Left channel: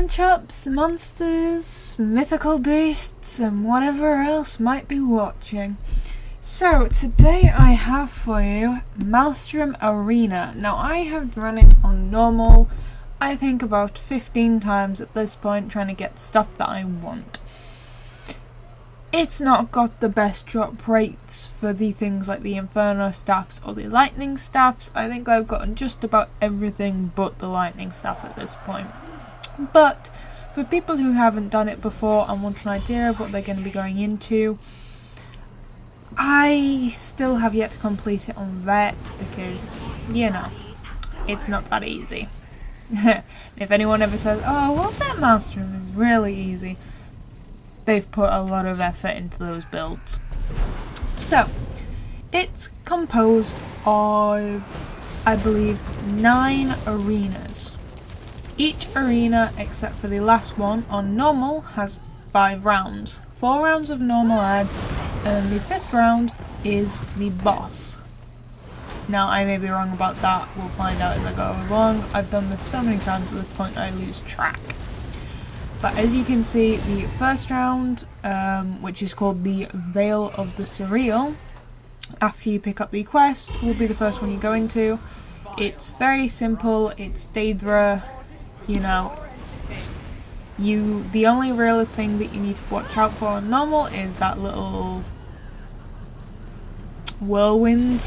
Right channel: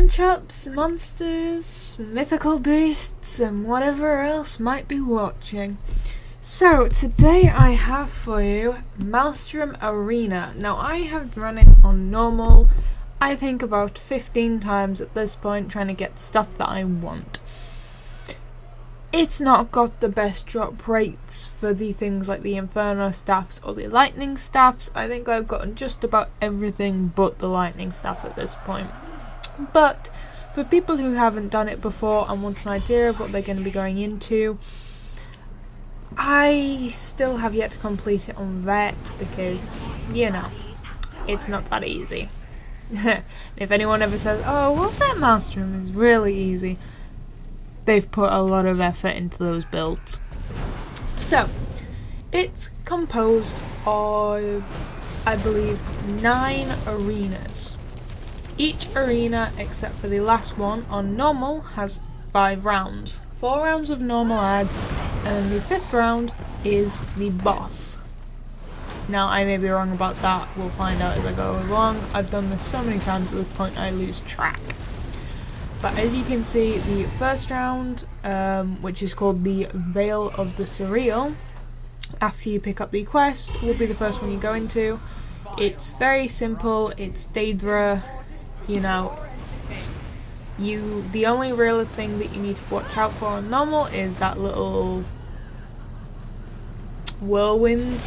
one-shots, monsters, mythical beasts, and whatever else might be watching. So, today I have for you Maelstrom Arena. Now, I have run it on normal, I think about 15 times at this point, trying to get stuff that I want. It's not got the best drop rates for the things like the Inferno staffs or the Lightning staffs. I think I've gotten just about everything but the Lightning staff at this point. But for people who haven't done it before and want an idea of what they're going to be going into, I still have yet to complete it on Vet because, you know, it's not that easy. If anyone ever says, oh, well, Vet Maelstrom is really easy, they've put a lot of effort into those builds. So, it's composed of, I believe, 9 arenas. Each arena, except for the last one, on normal, has 5 rounds. 4 rounds of normal adds, and the 5th round is the boss. Now, I may be wrong about that, we'll find out as I go along. I've done this so many times at this point I lose track. But as you can see, the first round, which is called the Veil of the Surreal, after you pick up the quest, will be the first one you go into. It's very simple, it's Daedra, you know. The only real thing that you need to watch out for on normal is that little whirlwind,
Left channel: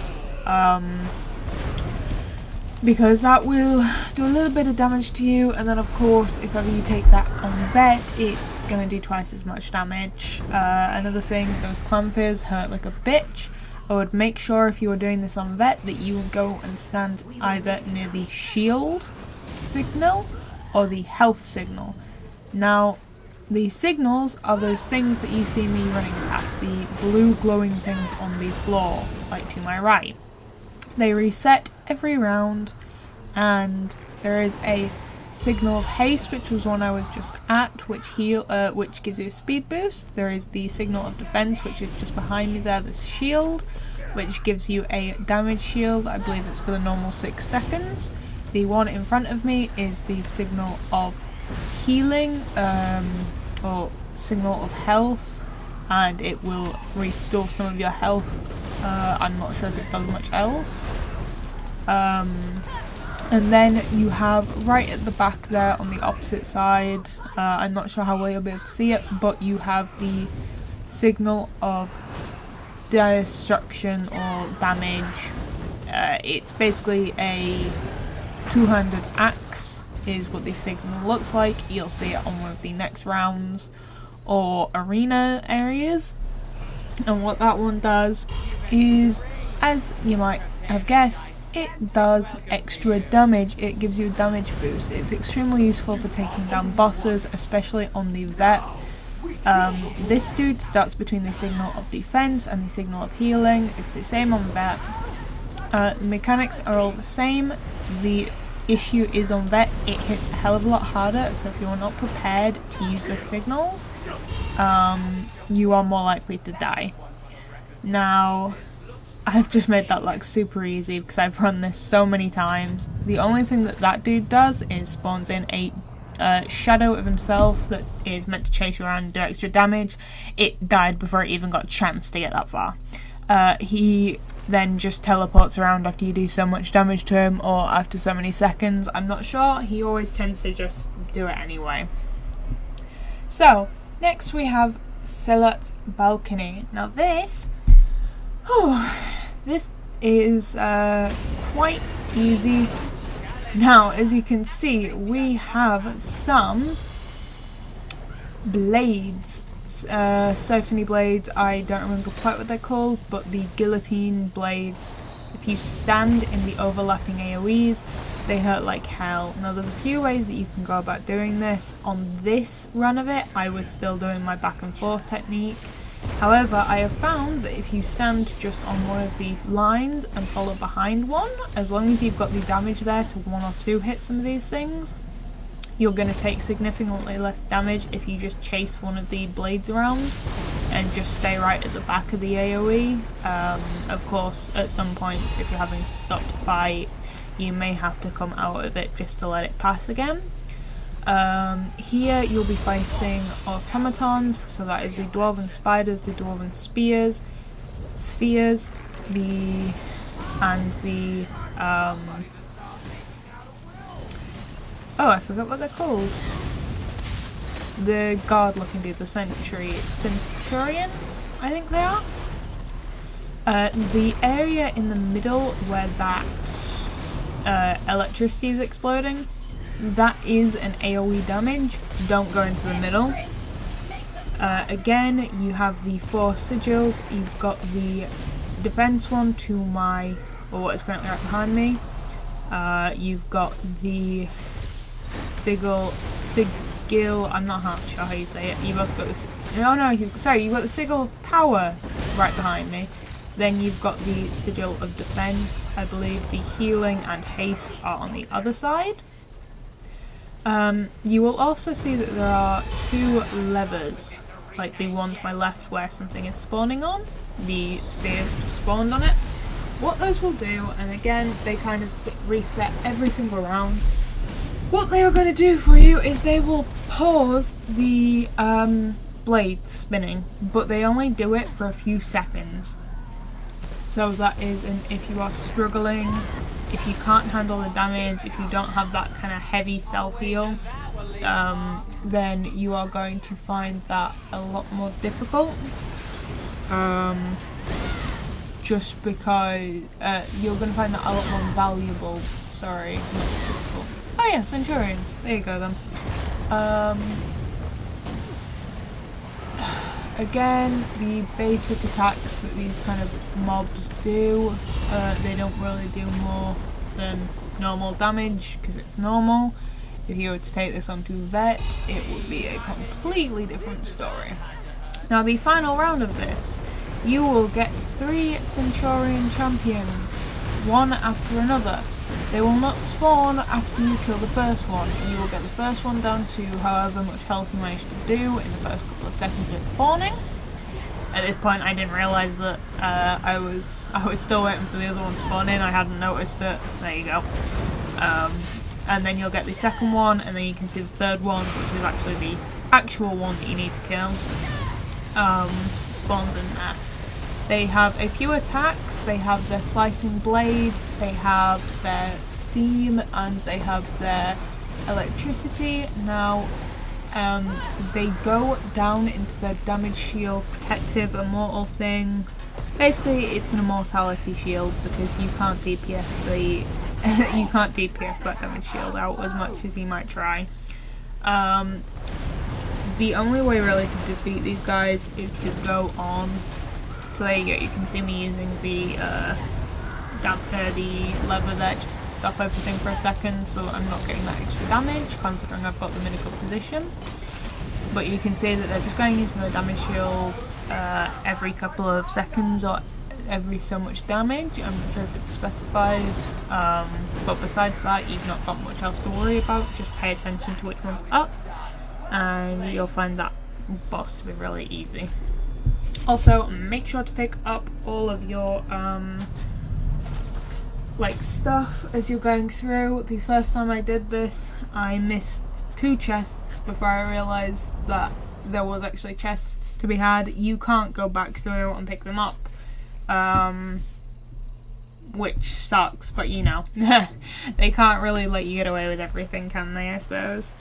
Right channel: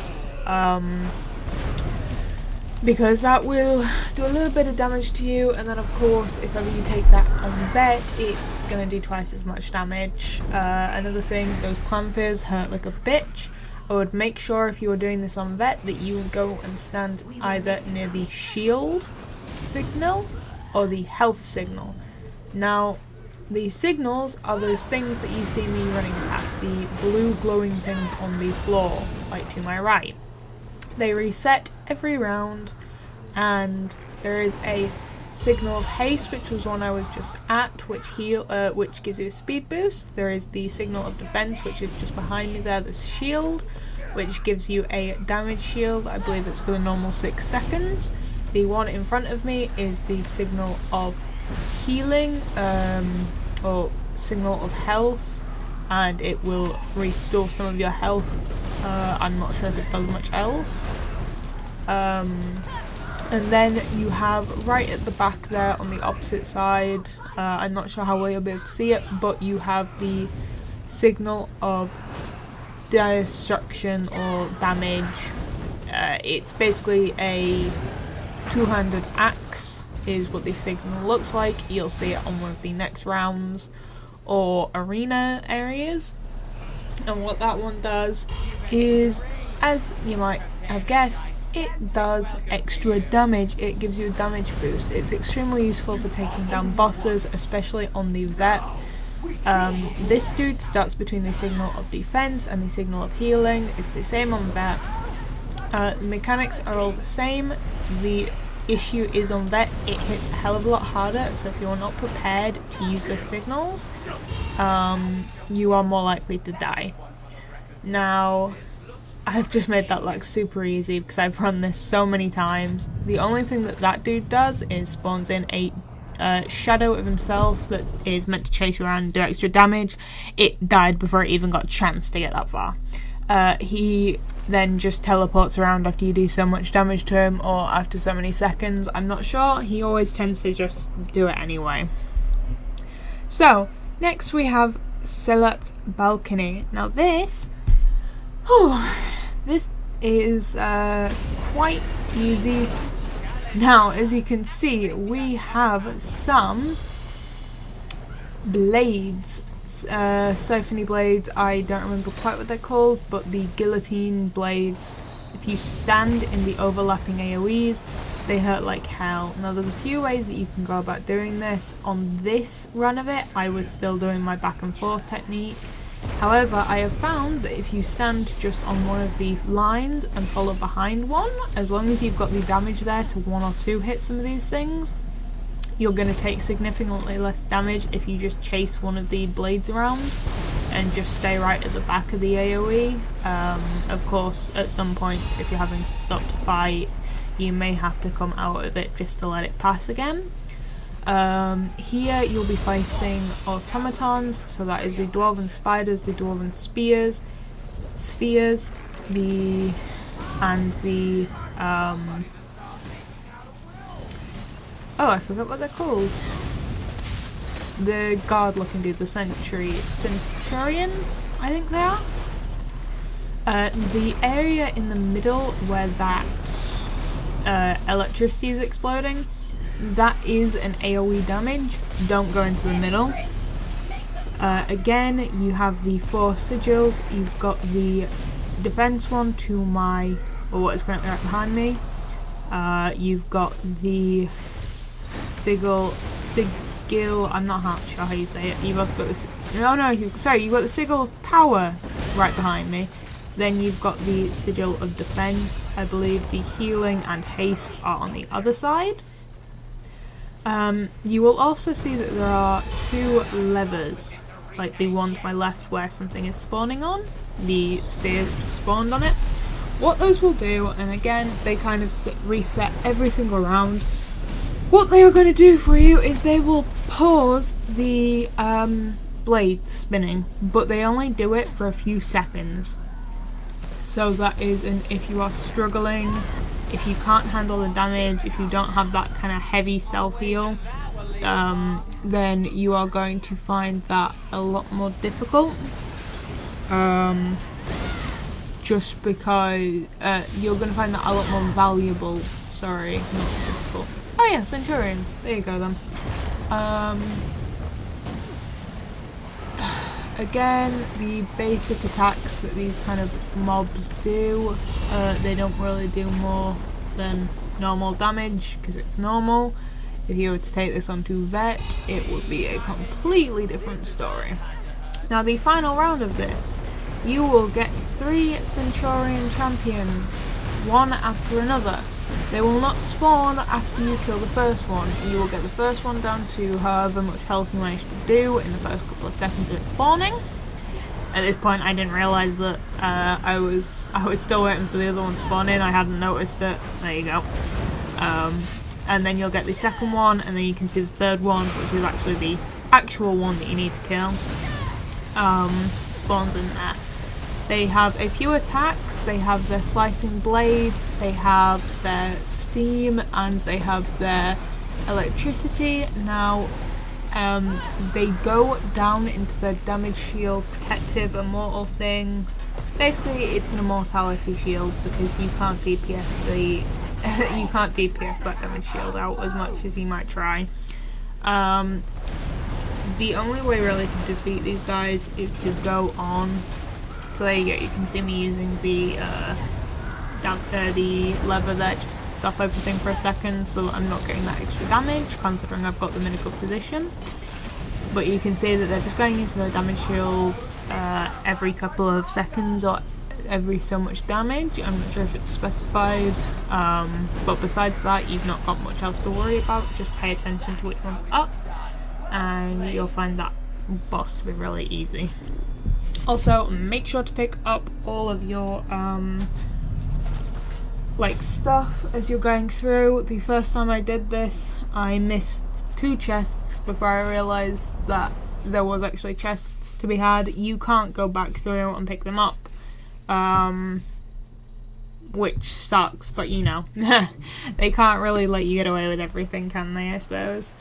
because that will do a little bit of damage to you, and then of course if ever you take that on Vet, it's going to do twice as much damage. Another thing, those clampies hurt like a bitch. I would make sure if you were doing this on Vet that you would go and stand either near the shield signal or the health signal. Now, the signals are those things that you see me running past, the blue glowing things on the floor, like to my right. They reset every round, and there is a signal of haste, which was one I was just at, which gives you a speed boost. There is the signal of defense, which is just behind me there, this shield, which gives you a damage shield. I believe it's for the normal 6 seconds. The one in front of me is the signal of healing, or signal of health, and it will restore some of your health. I'm not sure if it does much else. And then you have right at the back there on the opposite side, I'm not sure how well you'll be able to see it, but you have the signal of destruction or damage. It's basically a two-handed axe is what the signal looks like. You'll see it on one of the next rounds or arena areas. And what that one does is, as you might have guessed, it does extra damage. It gives you a damage boost. It's extremely useful for taking down bosses, especially on the Vet. This dude starts between the signal of defense and the signal of healing. It's the same on Vet. The mechanics are all the same. The issue is on Vet, it hits a hell of a lot harder, so if you're not prepared to use the signals, you are more likely to die. Now, I've just made that like super easy because I've run this so many times. The only thing that dude does is spawns in a shadow of himself that is meant to chase you around and do extra damage. It died before it even got a chance to get that far. He then just teleports around after you do so much damage to him, or after so many seconds, I'm not sure. He always tends to just do it anyway. So, next we have Seths Balcony. Now this is quite easy. Now, as you can see, we have some blades. Siphony blades, I don't remember quite what they're called, but the guillotine blades, if you stand in the overlapping AoEs, they hurt like hell. Now there's a few ways that you can go about doing this. On this run of it, I was still doing my back and forth technique. However, I have found that if you stand just on one of the lines and follow behind one, as long as you've got the damage there to 1 or 2 hit some of these things, you're going to take significantly less damage if you just chase one of the blades around and just stay right at the back of the AoE. Of course, at some points, if you're having to stop to fight, you may have to come out of it just to let it pass again. Here you'll be facing automatons, so that is the dwarven spiders, the dwarven spheres, and the oh, I forgot what they're called. The guard-looking dude, the centurions, I think they are. The area in the middle where that electricity is exploding, that is an AoE damage. Don't go into the middle. Again, you have the 4 sigils. You've got the defense one to my, or what is currently right behind me. You've got the sigil, I'm not sure how you say it. You've also got the, you've got the sigil power right behind me. Then you've got the sigil of defense. I believe the healing and haste are on the other side. You will also see that there are 2 levers, like the one to my left where something is spawning on. The spear spawned on it. What those will do, and again they kind of reset every single round, what they are going to do for you is they will pause the blade spinning, but they only do it for a few seconds. So that is if you are struggling, if you can't handle the damage, if you don't have that kind of heavy self-heal, then you are going to find that a lot more difficult. Just because you're going to find that a lot more valuable. Sorry, not difficult. Oh yeah, Centurions. There you go then. Again, the basic attacks that these kind of mobs do, they don't really do more than normal damage, because it's normal. If you were to take this onto Vet, it would be a completely different story. Now the final round of this, you will get 3 Centurion champions, one after another. They will not spawn after you kill the first one. You will get the first one down to however much health you managed to do in the first couple of seconds of it spawning. At this point I didn't realise that I was still waiting for the other one to spawn in. I hadn't noticed it. There you go. And then you'll get the second one, and then you can see the third one, which is actually the actual one that you need to kill. Spawns in there. They have a few attacks. They have their slicing blades, they have their steam, and they have their electricity. Now, they go down into their damage shield, protective, immortal thing. Basically, it's an immortality shield because you can't DPS that damage shield out as much as you might try. The only way really to defeat these guys is to go on. So there you go, you can see me using the lever there just to stop everything for a second so I'm not getting that extra damage, considering I've got them in a good position. But you can see that they're just going into their damage shields every couple of seconds or every so much damage. I'm not sure if it's specified, but besides that you've not got much else to worry about. Just pay attention to which one's up and you'll find that boss to be really easy. Also, make sure to pick up all of your stuff as you're going through. The first time I did this, I missed 2 chests before I realised that there was actually chests to be had. You can't go back through and pick them up, which sucks, but you know, they can't really let you get away with everything, can they, I suppose?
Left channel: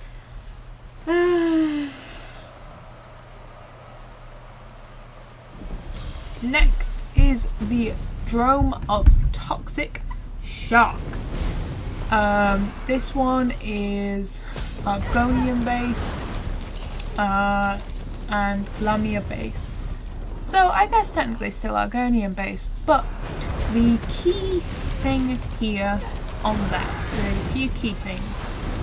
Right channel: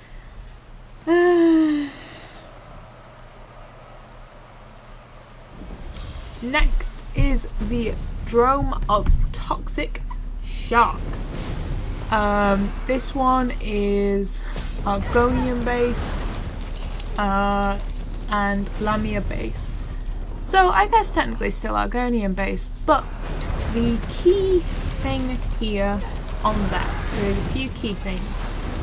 Next is the Drome of Toxic Shark. This one is Argonian based and Lamia based. So I guess technically still Argonian based, but the key thing here on that, there's a few key things.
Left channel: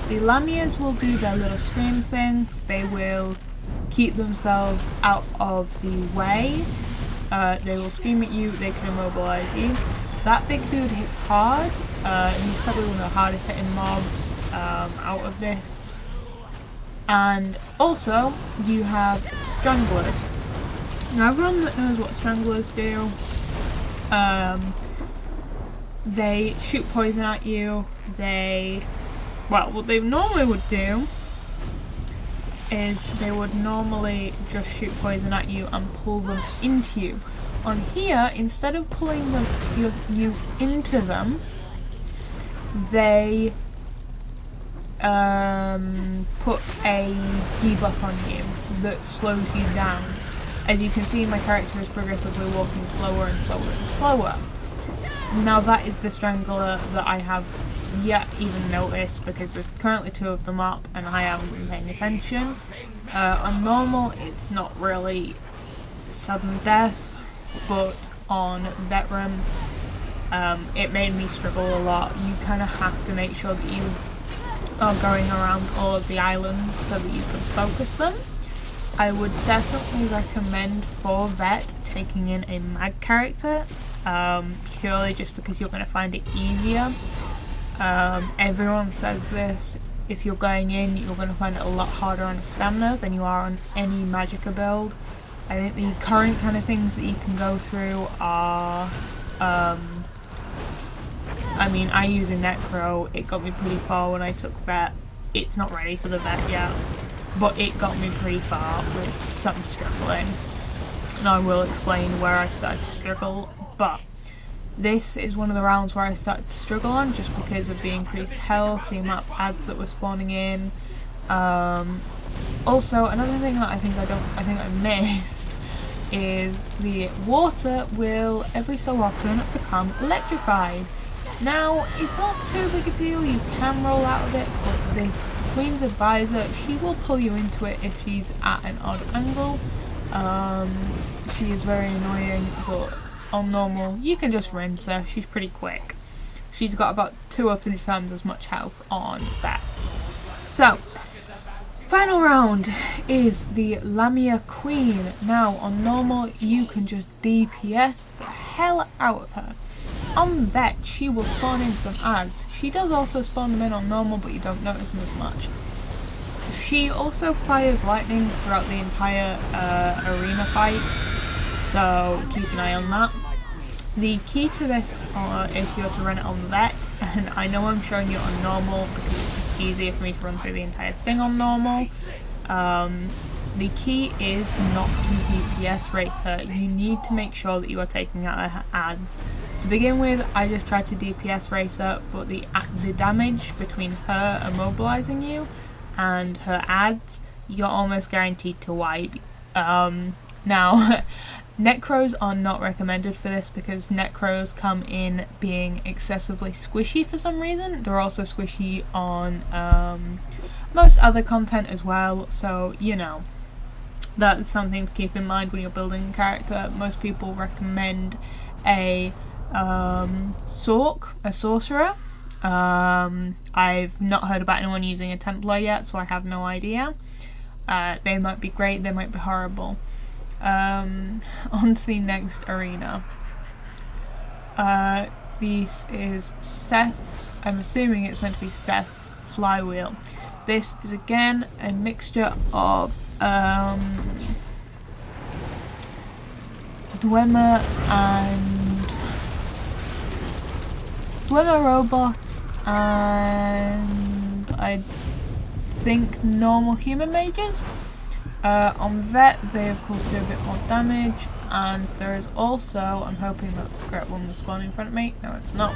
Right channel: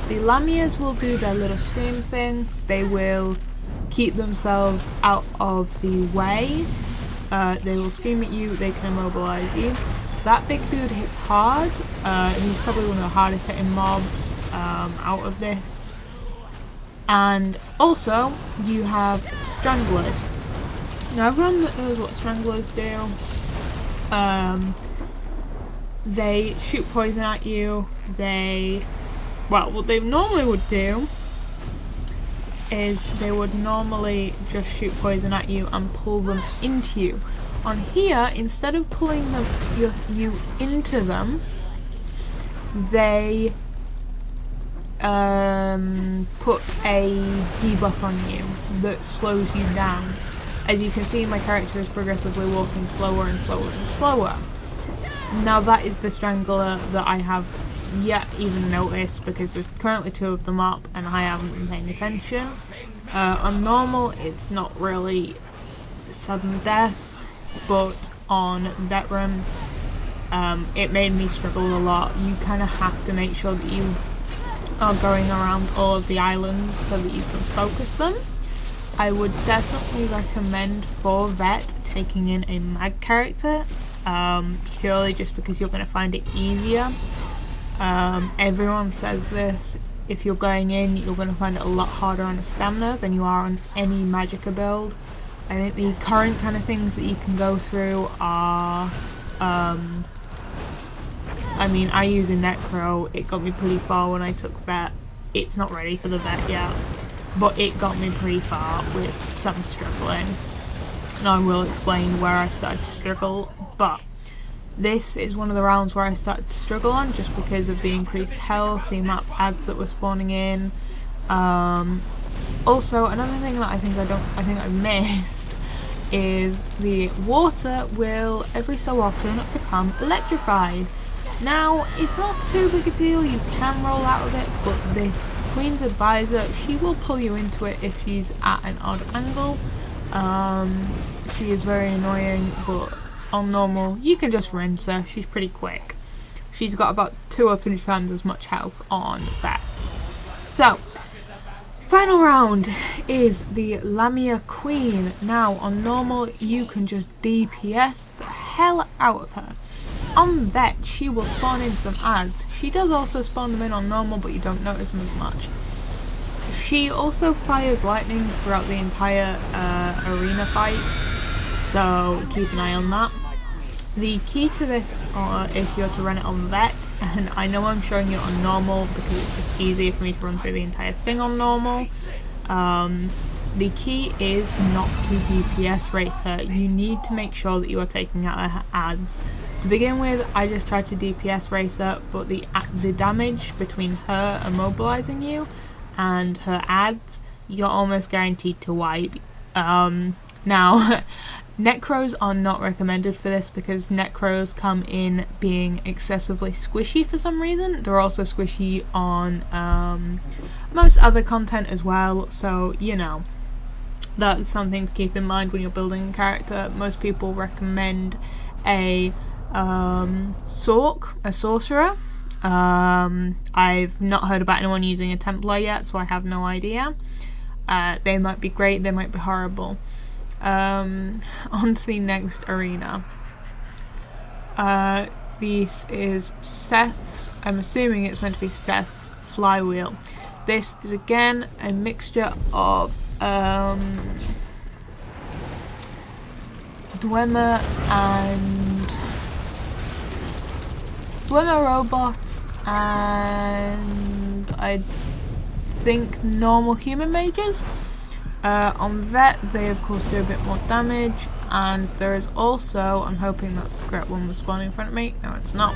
The Lamias will do their little scream thing. They will keep themselves out of the way. They will scream at you, they can immobilize you. That big dude hits hard, and he's probably one of the hardest hitting mobs out of this. And also, you have Stranglers. Now everyone that knows what Stranglers do, they shoot poison at you. What they normally would do is they would normally just shoot poison at you and pull them into you. On here, instead of pulling you into them, they put a debuff on you that slows you down. As you can see, my character is progressively walking slower and slower and slower. Now that is the strangler that I have yet even noticed, because there's currently 2 of them up and I haven't been paying attention. On normal it's not really sudden death, but on veteran it made me struggle a lot. You kind of have to make sure that you are going around all of the islands so that you can focus them. I would definitely recommend for vet taking in a mag character, purely just because you're going to find it easier. Everyone says this, if you're going in, you're going to find it a lot harder on a stamina than you are on any magicka build. I think the current kind of things that you can go through are, I mean, I use a Necro, it got me pretty far when I took vet. It's not ready for the vet yet, but it got me pretty far with some struggling. And I will explain where I started to struggle, but this is one of the rounds where I started to struggle on, just because of the increased health, the amount of ads that were spawning in. Also, another thing that I think I missed is the water will every so often become electrified. Now, it's not too big a deal, you can roll out of it, but this Queen's Advisor, she will pull you into it if she's at an odd angle. She is very annoying, but on normal, you can just rinse her, she's pretty quick. She's got about 2 or 3 times as much health on that. So, final round is the Lamia Queen. Now, on normal, you can just DPS the hell out of her. On vet, she will spawn in some ads. She does also spawn them in on normal, but you don't notice them as much. She also fires lightning throughout the entire arena fights, so keep an eye on that. The key to this, if you're to run it on vet, and I know I'm showing you on normal because it's just easier for me to run through the entire thing on normal, the key is not to DPS race her. You need to make sure that you are taking out her ads. To begin with, I just tried to DPS race her, but the damage between her immobilizing you and her ads, you're almost guaranteed to wipe. Now, Necros are not recommended for this because Necros come in being excessively squishy for some reason. They're also squishy on most other content as well, so you know, that's something to keep in mind when you're building a character. Most people recommend a sorcerer. I've not heard about anyone using a Templar yet, so I have no idea. They might be great, they might be horrible. On to the next arena. This is Seths, I'm assuming it's meant to be Seths Flywheel. This is again a mixture of Dwemer robots and I think normal human mages. On vet, they of course do a bit more damage, and there is also, I'm hoping that's the correct one that's spawning in front of me. No, it's not.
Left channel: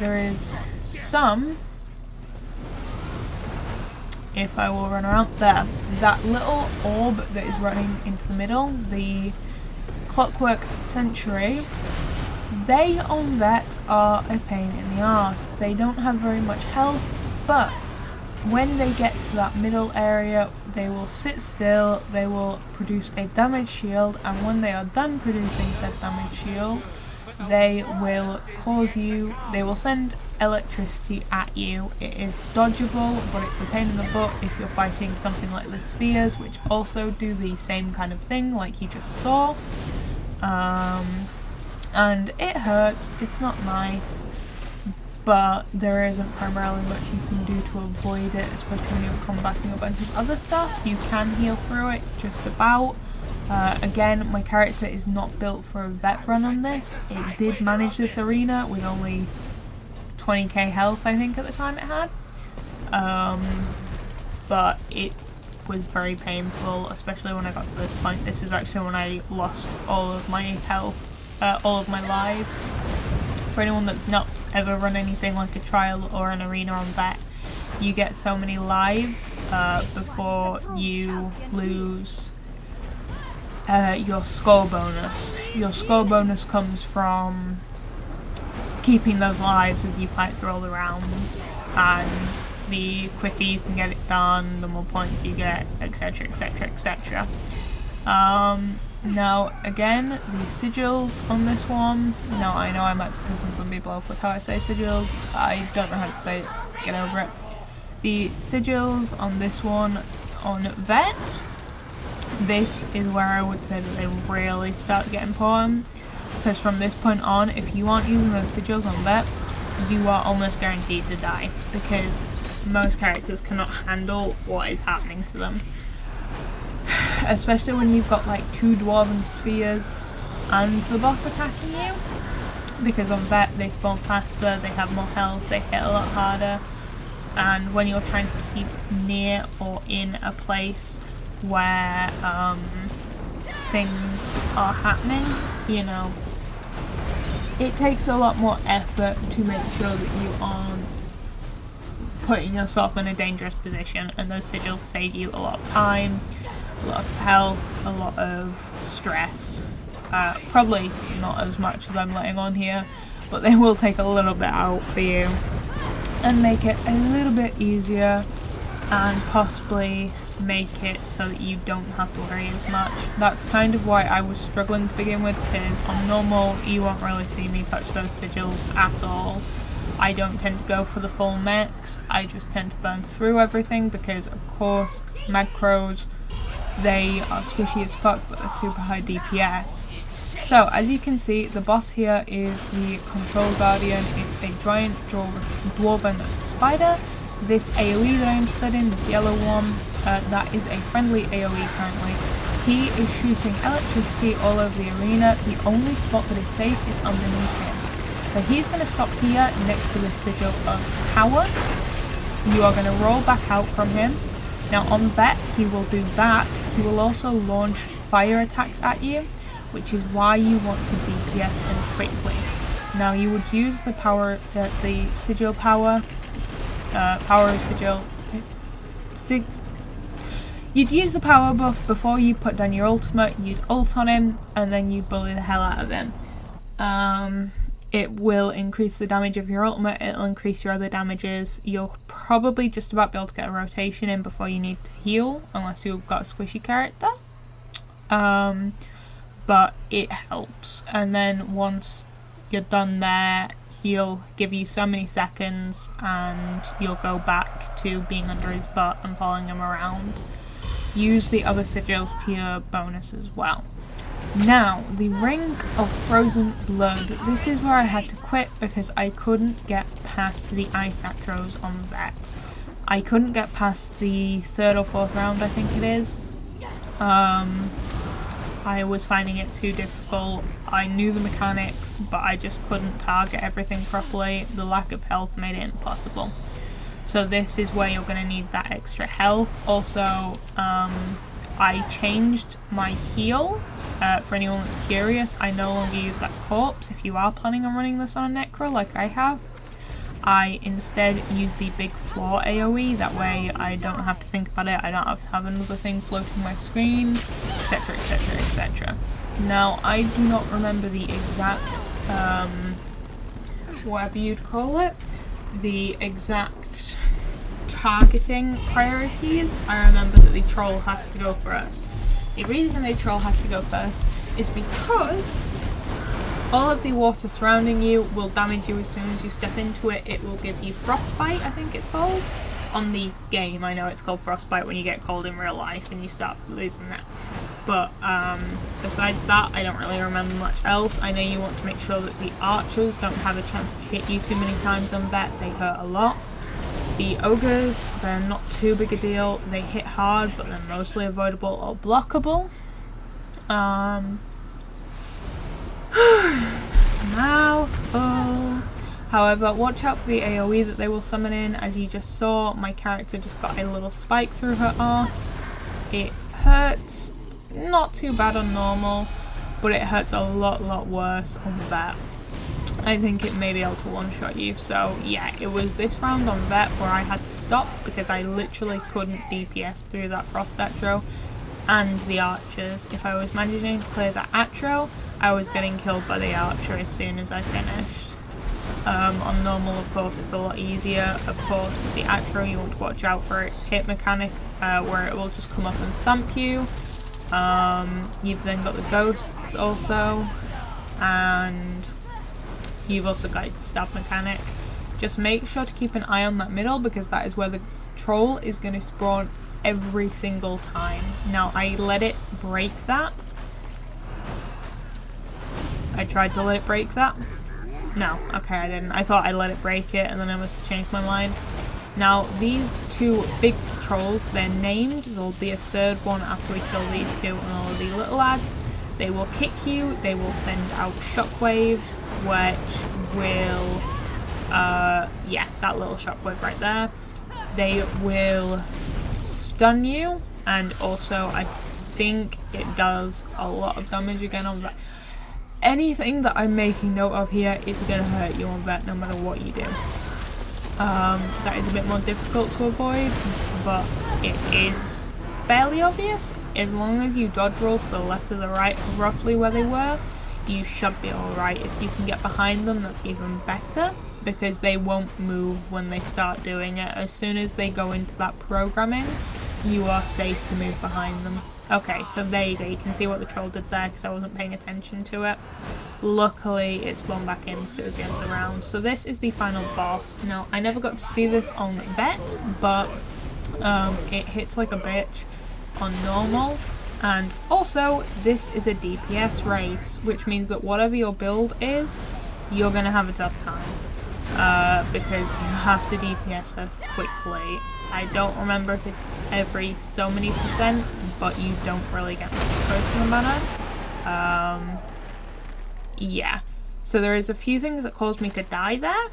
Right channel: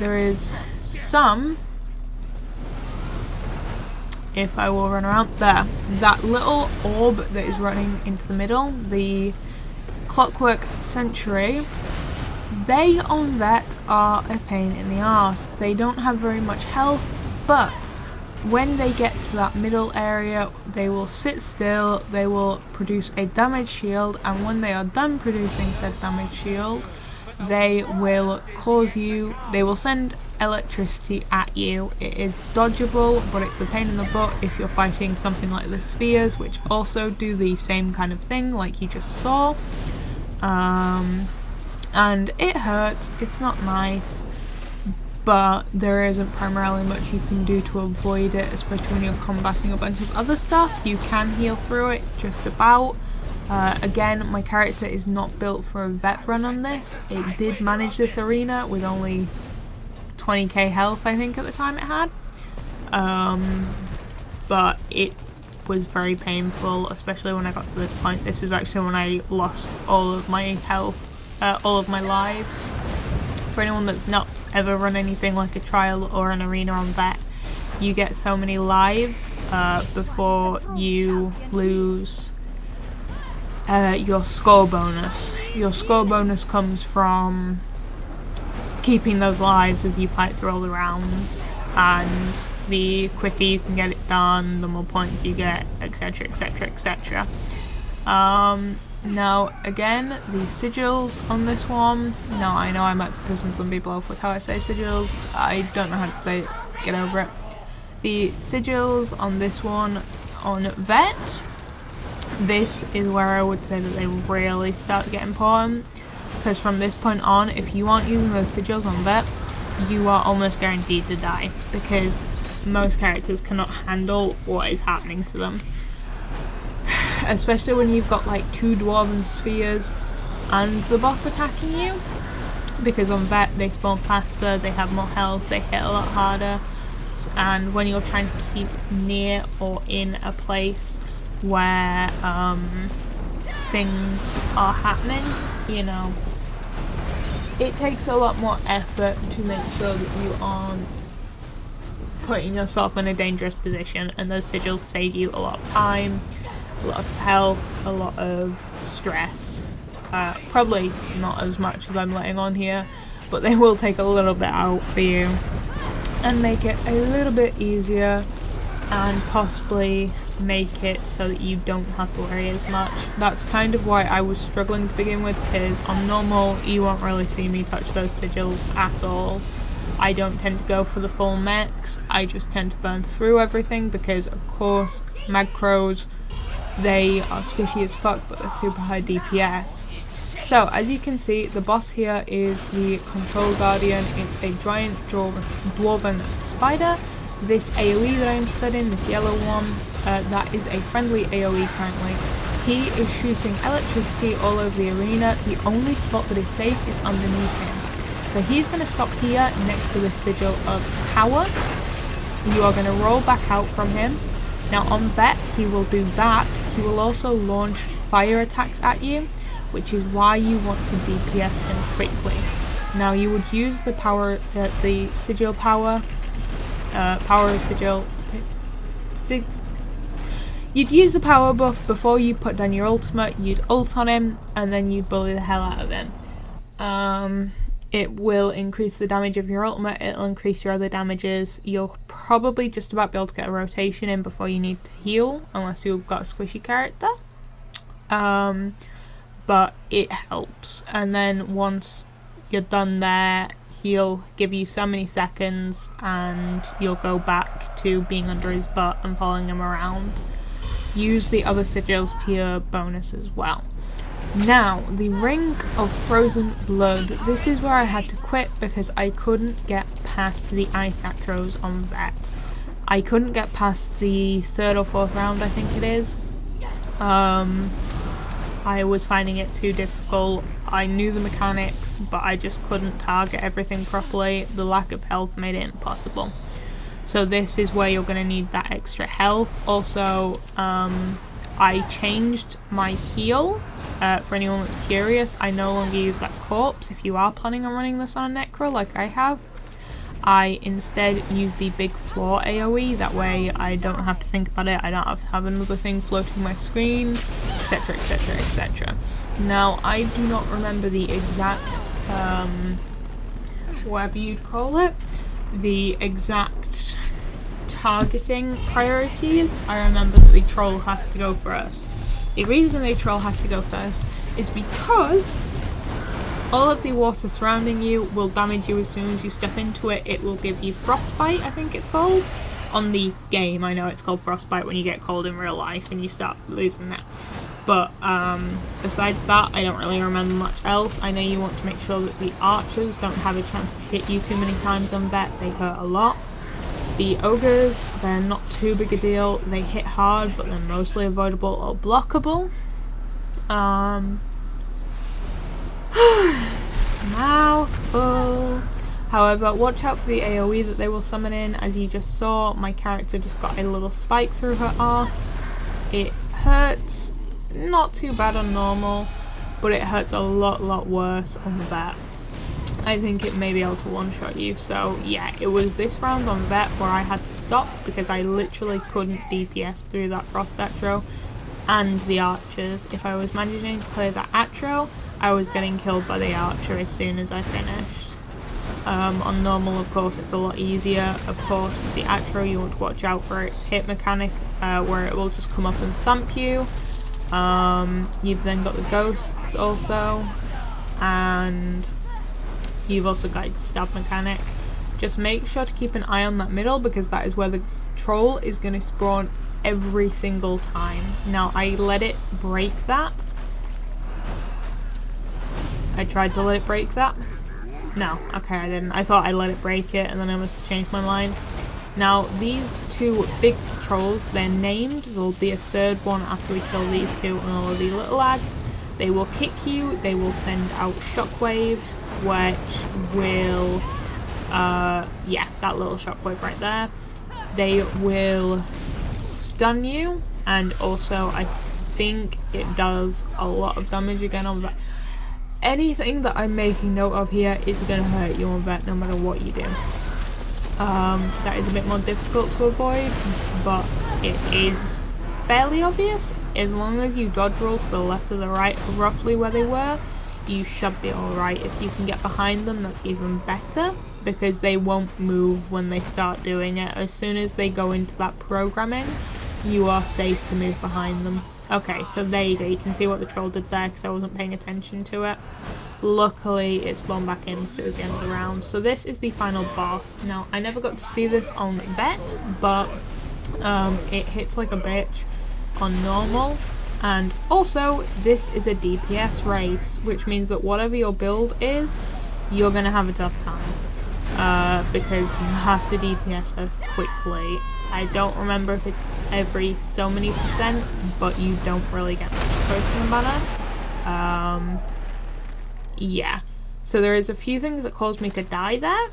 There is some, if I will run around there, that little orb that is running into the middle, the Clockwork Century, they on vet are a pain in the arse. They don't have very much health, but when they get to that middle area, they will sit still, they will produce a damage shield, and when they are done producing said damage shield, they will send electricity at you. It is dodgeable, but it's a pain in the butt if you're fighting something like the spheres, which also do the same kind of thing like you just saw. And it hurts, it's not nice, but there isn't primarily much you can do to avoid it, especially when you're combating a bunch of other stuff. You can heal through it, just about. Again, my character is not built for a vet run on this. It did manage this arena with only 20k health, I think, at the time it had. But it was very painful, especially when I got to this point. This is actually when I lost all of my health, all of my lives. For anyone that's not ever run anything like a trial or an arena on Vet, you get so many lives before you lose your score bonus. Your score bonus comes from keeping those lives as you fight through all the rounds, and the quicker you can get it done, the more points you get, etc, etc, etc. Now again, the sigils on this one, now I know I might be pissing some people off with how I say sigils, I don't know how to say it, get over it. The sigils on this one, on Vet, this is where I would say that they really start to get important, because from this point on, if you aren't using those sigils on Vet, you are almost guaranteed to die, because most characters cannot handle what is happening to them. Especially when you've got like 2 dwarven spheres and the boss attacking you, because on Vet they spawn faster, they have more health, they hit a lot harder, and when you're trying to keep near or in a place where things are happening, you know, it takes a lot more effort to make sure that you aren't putting yourself in a dangerous position, and those sigils save you a lot of time, a lot of health, a lot of stress. Probably not as much as I'm letting on here, but they will take a little bit out for you and make it a little bit easier, and possibly make it so that you don't have to worry as much. That's kind of why I was struggling to begin with, because on normal you won't really see me touch those sigils at all. I don't tend to go for the full mechs, I just tend to burn through everything, because of course Magcrows, they are squishy as fuck, but they're super high DPS. So as you can see, the boss here is the Control Guardian. It's a giant dwarven spider. This AoE that I'm studying, this yellow one, that is a friendly AoE currently. He is shooting electricity all over the arena. The only spot that is safe is underneath him. So he's going to stop here next to the sigil of power. You are going to roll back out from him. Now on Vet, he will do that. He will also launch fire attacks at you, which is why you want to DPS him quickly. Now you would use the power, the sigil power, power of sigil. You'd use the power buff before you put down your ultimate. You'd ult on him, and then you'd bully the hell out of him. It will increase the damage of your ultimate, it'll increase your other damages. You'll probably just about be able to get a rotation in before you need to heal, unless you've got a squishy character. But it helps. And then once you're done there, he'll give you so many seconds and you'll go back to being under his butt and following him around. Use the other sigils to your bonus as well. Now, the Ring of Frozen Blood. This is where I had to quit because I couldn't get past the ice acros on that. I couldn't get past the 3rd or 4th round, I think it is. I was finding it too difficult. I knew the mechanics, but I just couldn't target everything properly. The lack of health made it impossible. So this is where you're going to need that extra health. Also, I changed my heal. For anyone that's curious, I no longer use that corpse. If you are planning on running this on a Necro like I have, I instead use the big floor AoE. That way I don't have to think about it, I don't have to have another thing floating my screen, etc, etc, etc. Now, I do not remember the exact, whatever you'd call it, the exact targeting priorities. I remember that the troll has to go first. The reason the troll has to go first is because all of the water surrounding you will damage you as soon as you step into it. It will give you frostbite, I think it's called. On the game, I know it's called frostbite when you get cold in real life and you start losing that. But besides that, I don't really remember much else. I know you want to make sure that the archers don't have a chance to hit you too many times on Vet. They hurt a lot. The ogres, they're not too big a deal. They hit hard, but they're mostly avoidable or blockable. Mouthful. However, watch out for the AoE that they will summon in. As you just saw, my character just got a little spike through her arse. It hurts not too bad on normal, but it hurts a lot worse on the vet. I think it may be able to one-shot you, so yeah, it was this round on vet where I had to stop because I literally couldn't DPS through that frost atro and the archers. If I was managing to clear that atro, I was getting killed by the archer as soon as I finished. On normal, of course, it's a lot easier. Of course, with the atro, you want to watch out for its hit mechanic, where it will just come up and thump you. You've then got the ghosts also, and you've also got its stab mechanic. Just make sure to keep an eye on that middle, because that is where the troll is going to spawn every single time. Now, I let it break that. I tried to let it break that. No, okay, I didn't. I thought I let it break it, and then I must have changed my mind. Now, these two big trolls, they're named. There'll be a third one after we kill these two and all of the little lads. They will kick you, they will send out shockwaves, which will, yeah, that little shockwave right there. They will stun you, and also I think it does a lot of damage again on that. Anything that I'm making note of here is going to hurt you on vet no matter what you do. That is a bit more difficult to avoid, but it is fairly obvious. As long as you dodge roll to the left or the right, roughly where they were, you should be alright. If you can get behind them, that's even better, because they won't move when they start doing it. As soon as they go into that programming, you are safe to move behind them. Okay, so there you go. You can see what the troll did there because I wasn't paying attention to it. Luckily, it spawned back in because it was the end of the round. So this is the final boss. Now, I never got to see this on vet, but it hits like a bitch on normal. And also, this is a DPS race, which means that whatever your build is, you're going to have a tough time. Because you have to DPS her quickly. I don't remember if it's every so many %, but you don't really get much choice in the matter. Yeah. So there is a few things that caused me to die there.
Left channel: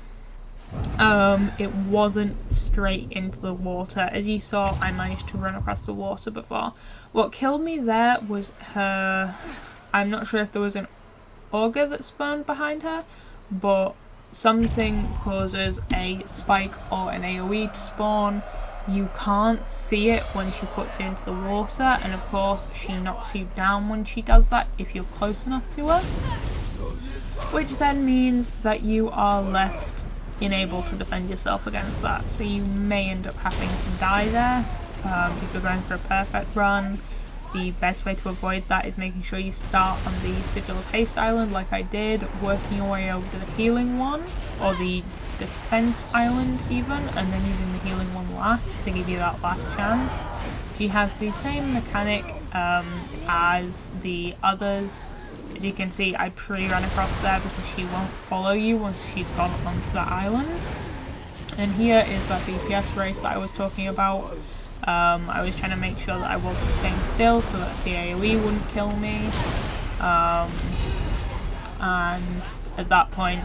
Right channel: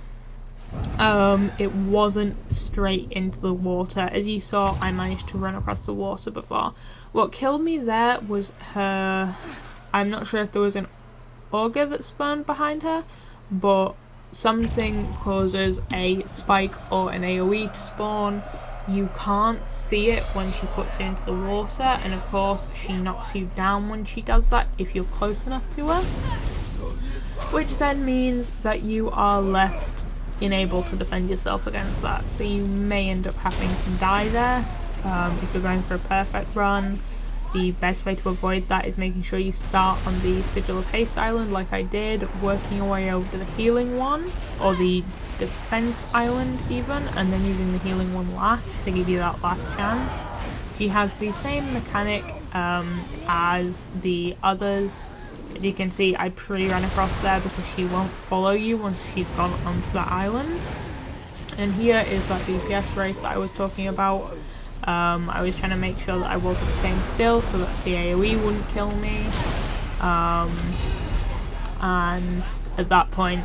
It wasn't straight into the water. As you saw, I managed to run across the water before. What killed me there was her... I'm not sure if there was an auger that spawned behind her, but something causes a spike or an AoE to spawn. You can't see it when she puts you into the water, and of course she knocks you down when she does that if you're close enough to her, which then means that you are left unable to defend yourself against that, so you may end up having to die there. If you're going for a perfect run, the best way to avoid that is making sure you start on the Sigil of Haste island like I did, working your way over to the healing one, or the defense island even, and then using the healing one last to give you that last chance. She has the same mechanic as the others. As you can see, I pre-ran across there because she won't follow you once she's gone onto the island. And here is that DPS race that I was talking about. I was trying to make sure that I wasn't staying still so that the AoE wouldn't kill me. And at that point,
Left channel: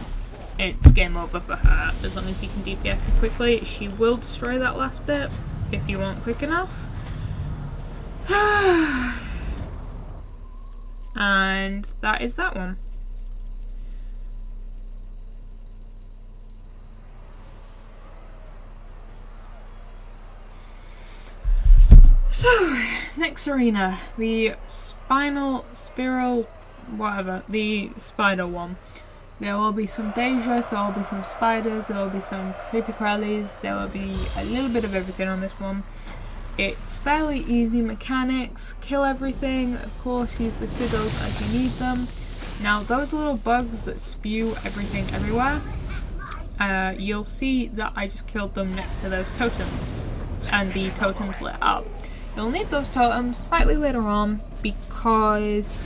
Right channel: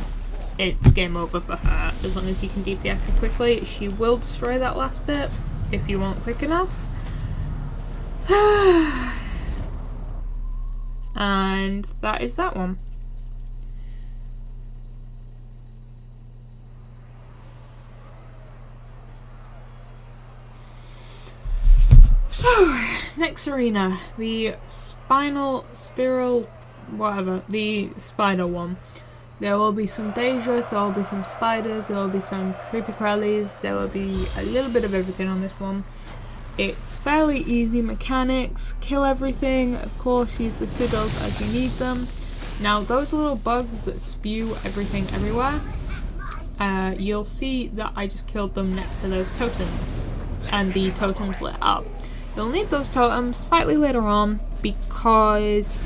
it's game over for her. As long as you can DPS her quickly, she will destroy that last bit if you aren't quick enough. And that is that one. So, next arena, the Spinal Spiral, whatever, the spider one. There will be some Daedra, there will be some spiders, there will be some creepy crawlies, there will be a little bit of everything on this one. It's fairly easy mechanics, kill everything, of course use the sigils as you need them. Now those little bugs that spew everything everywhere, you'll see that I just killed them next to those totems, and the totems lit up. You'll need those totems slightly later on because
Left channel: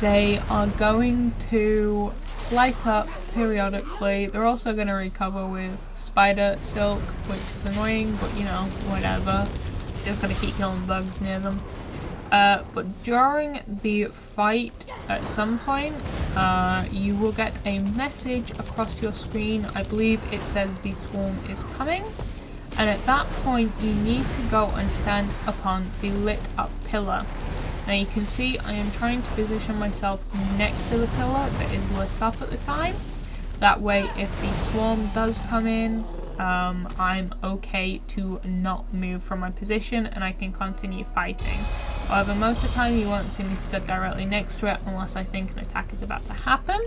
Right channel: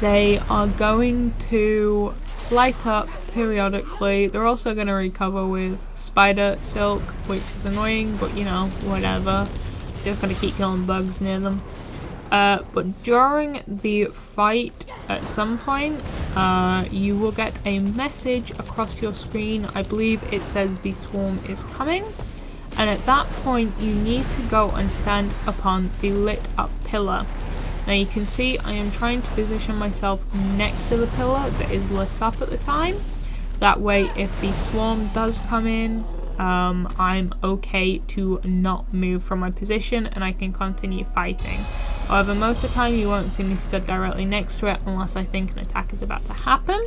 they are going to light up periodically. They're also going to recover with spider silk, which is annoying, but you know, whatever. Just going to keep killing bugs near them. But during the fight, at some point, you will get a message across your screen. I believe it says the swarm is coming. and at that point you need to go and stand upon the lit up pillar. Now you can see I am trying to position myself next to the pillar that is lit up at the time. That way if the swarm does come in, I'm okay to not move from my position and I can continue fighting. However, most of the time you won't see me stood directly next to it unless I think an attack is about to happen.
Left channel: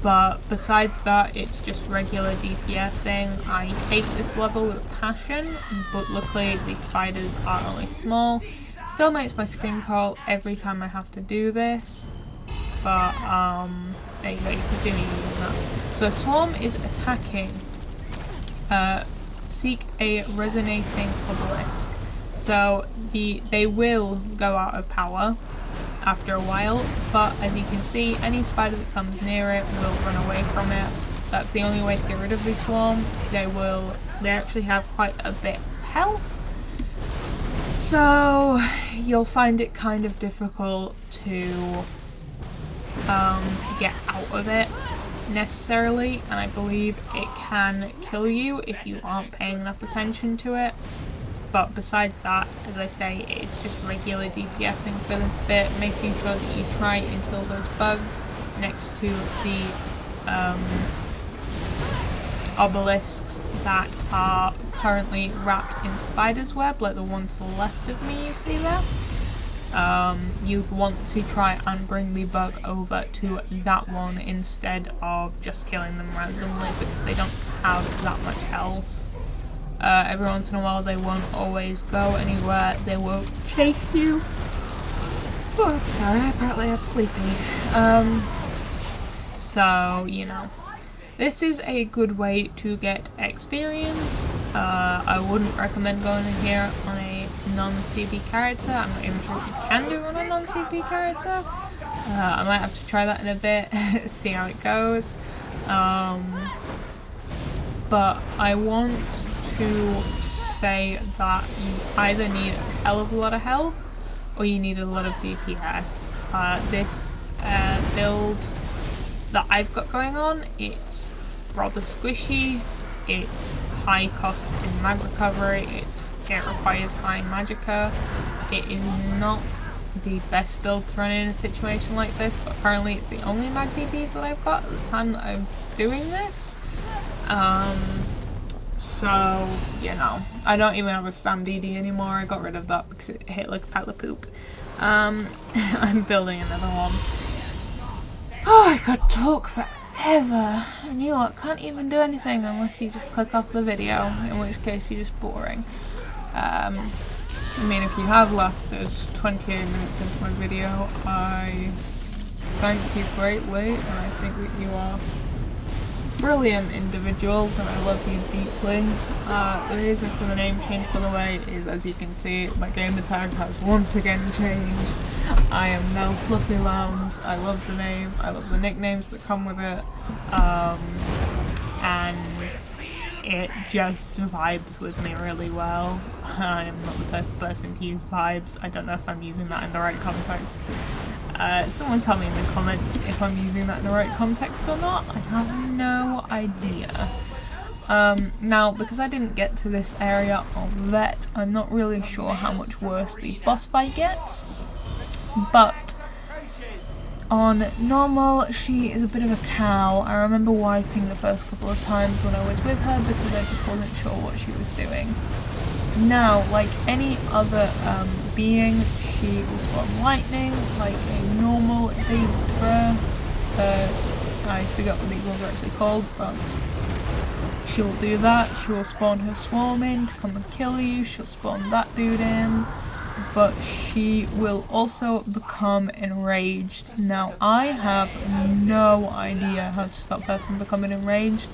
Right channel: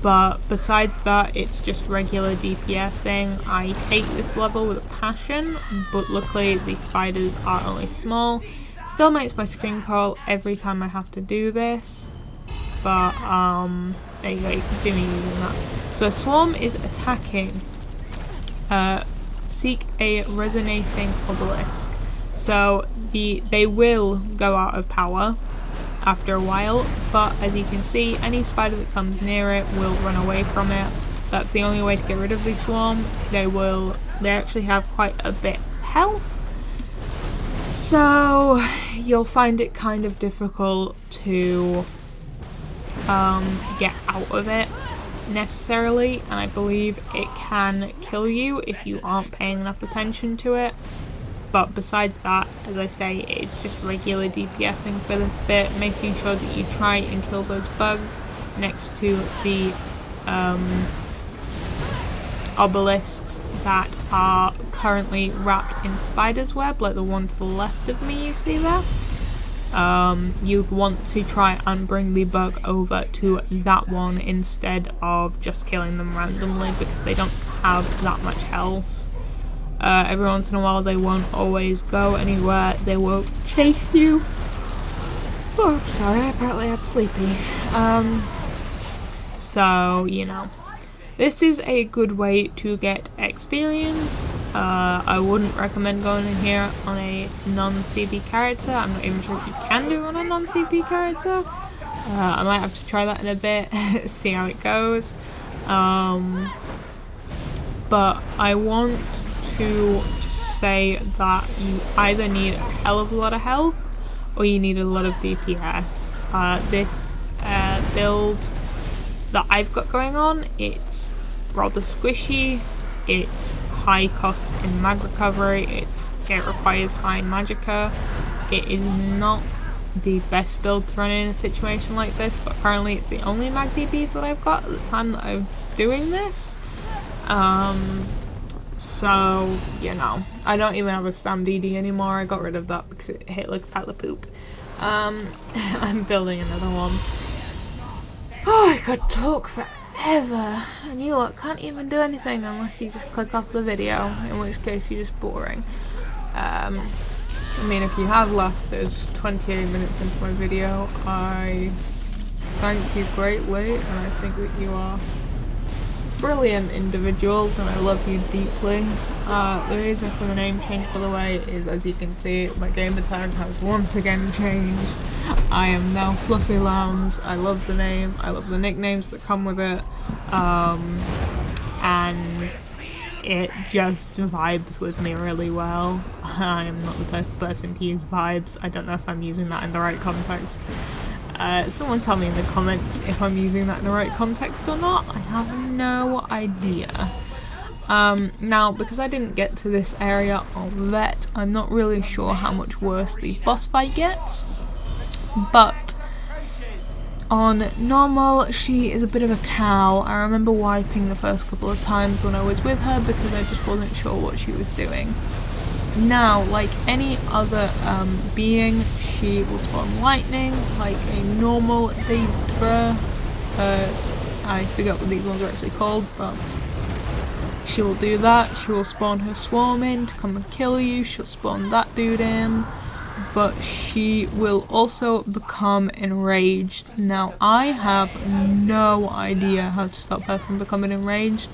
But besides that, it's just regular DPSing. I hate this level with a passion, but luckily the spiders are only small. Still makes my screen crawl every time I have to do this. But, there you go, you can see me using that. So a swarm is attacking. Seek a resonating obelisk. So they will go out of power after a while, but as you can see, any spider that comes near it will run away from it. That's the only way to get rid of the swarm. They actually have quite a bit of health, so you'll find it kind of difficult to get out of it necessarily, and I believe it can kill you if you aren't paying enough attention to it. But besides that, as I say, it's just regular DPSing for this bit, making sure that you try and kill those bugs next to the obelisks that are currently wrapped in spider's web, like the one to the left of me you see there. You'd want to try and bring the bug over to that one instead of just killing them randomly, because they don't have that much health. Every once in a while they won't always go anywhere, they won't chase you. Oh, sorry, apparently I'm sleepy. So, you know. This is a good way to get experience. I wouldn't recommend going in here on a non-CP character. I'm not even sure if you can do it on a non-CP character. I might have to try that in a bit, see how it goes. But I want to say that you either need a hell of a lot of health or you need a lot of DPS. This build that I've got going on, it's rather squishy, it's high cost in mag recovery, it requires high magicka. It is not the best build to run in a situation like this, but currently it's the only mag DP that I've got at the time that I'm doing this. So, you know, I don't even have a Stam DD anymore. I got rid of that because it hit like a pile of poop. I'm building another one. Oh, I could talk forever, and you lot can't even do anything unless you just click off the video, in which case you're just boring. I mean, if you have lasted 28 minutes into my video, I thank you greatly, and I think that you are brilliant individuals and I love you deeply. The reason for the name change, by the way, is as you can see, my gamer tag has once again changed. I am now Fluffy Lounge. I love the name, I love the nicknames that come with it, and it just vibes with me really well. I am not the type of person to use vibes. I don't know if I'm using that in the right context. Someone tell me in the comments if I'm using that in the right context or not. I have no idea. Now, because I didn't get to this area of Vet, I'm not really sure how much worse the boss fight gets. But on normal, she is a bit of a cow. I remember wiping the first couple of times when I was with her because I just wasn't sure what she was doing. Now, like any other being, she will spawn lightning, like a normal Daedra. I forget what these ones are actually called, but she will do that. She will spawn her swarm in to come and kill you. She'll spawn that dude in, but she will also become enraged. Now, I have no idea how to stop her from becoming enraged.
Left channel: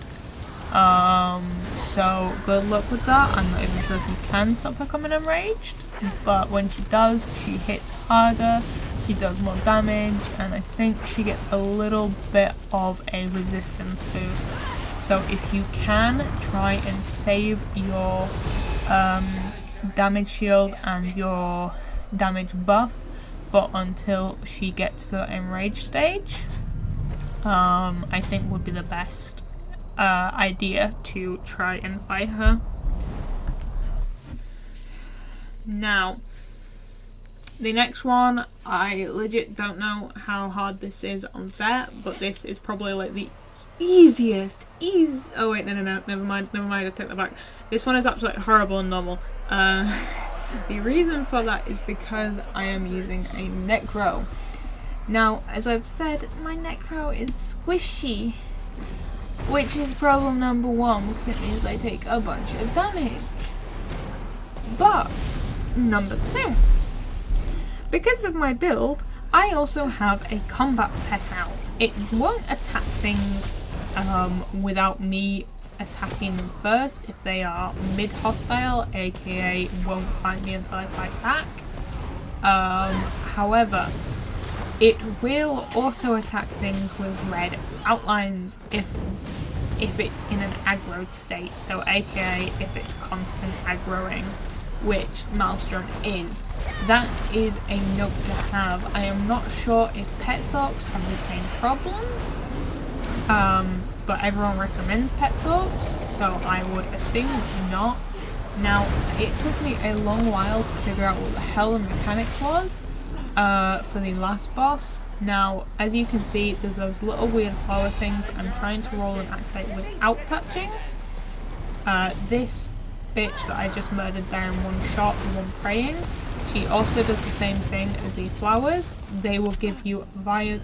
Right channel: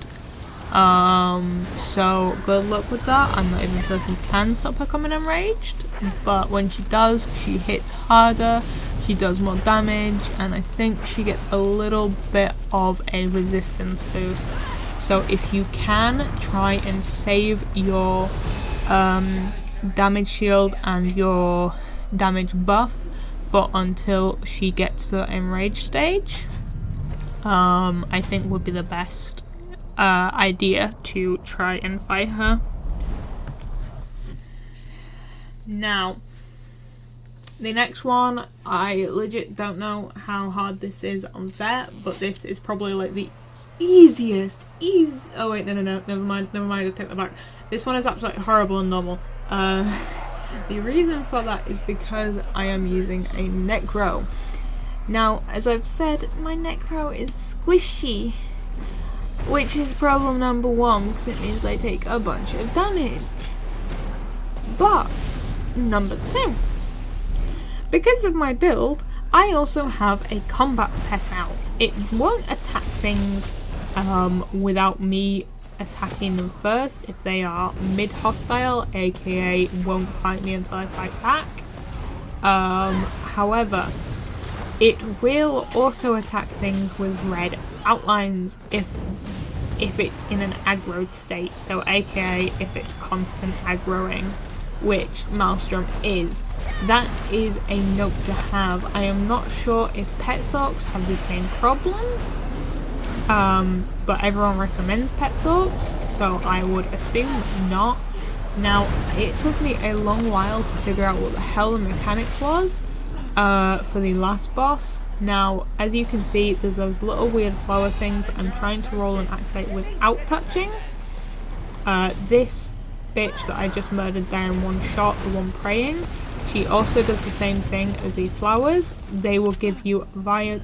So good luck with that. I'm not even sure if you can stop her becoming enraged, but when she does, she hits harder, she does more damage, and I think she gets a little bit of a resistance boost. So if you can, try and save your damage shield and your damage buff for until she gets to the enraged stage. I think would be the best idea to try and fight her. Now, the next one, I legit don't know how hard this is on Vet, but this is probably like the easiest. Oh wait, no, never mind, I take that back. This one is absolutely horrible and normal. The reason for that is because I am using a Necro. Now, as I've said, my Necro is squishy, which is problem number one, because it means I take a bunch of damage. But number two, because of my build, I also have a combat pet out. It won't attack things without me attacking them first if they are mid-hostile, aka won't fight me until I fight back. However, it will auto-attack things with red outlines if it's in an aggroed state, so aka if it's constant aggroing, which Maelstrom is. That is a note to have. I am not sure if Pet Sorks have the same problem, but everyone recommends Pet Sorks, so I would assume not. Now, it took me a long while to figure out what the hell the mechanic was for the last boss. Now, as you can see, there's those little weird flower things that I'm trying to roll and activate without touching. This bitch that I just murdered there in one shot, the one praying, she also does the same thing as the flowers. They will give you volatile,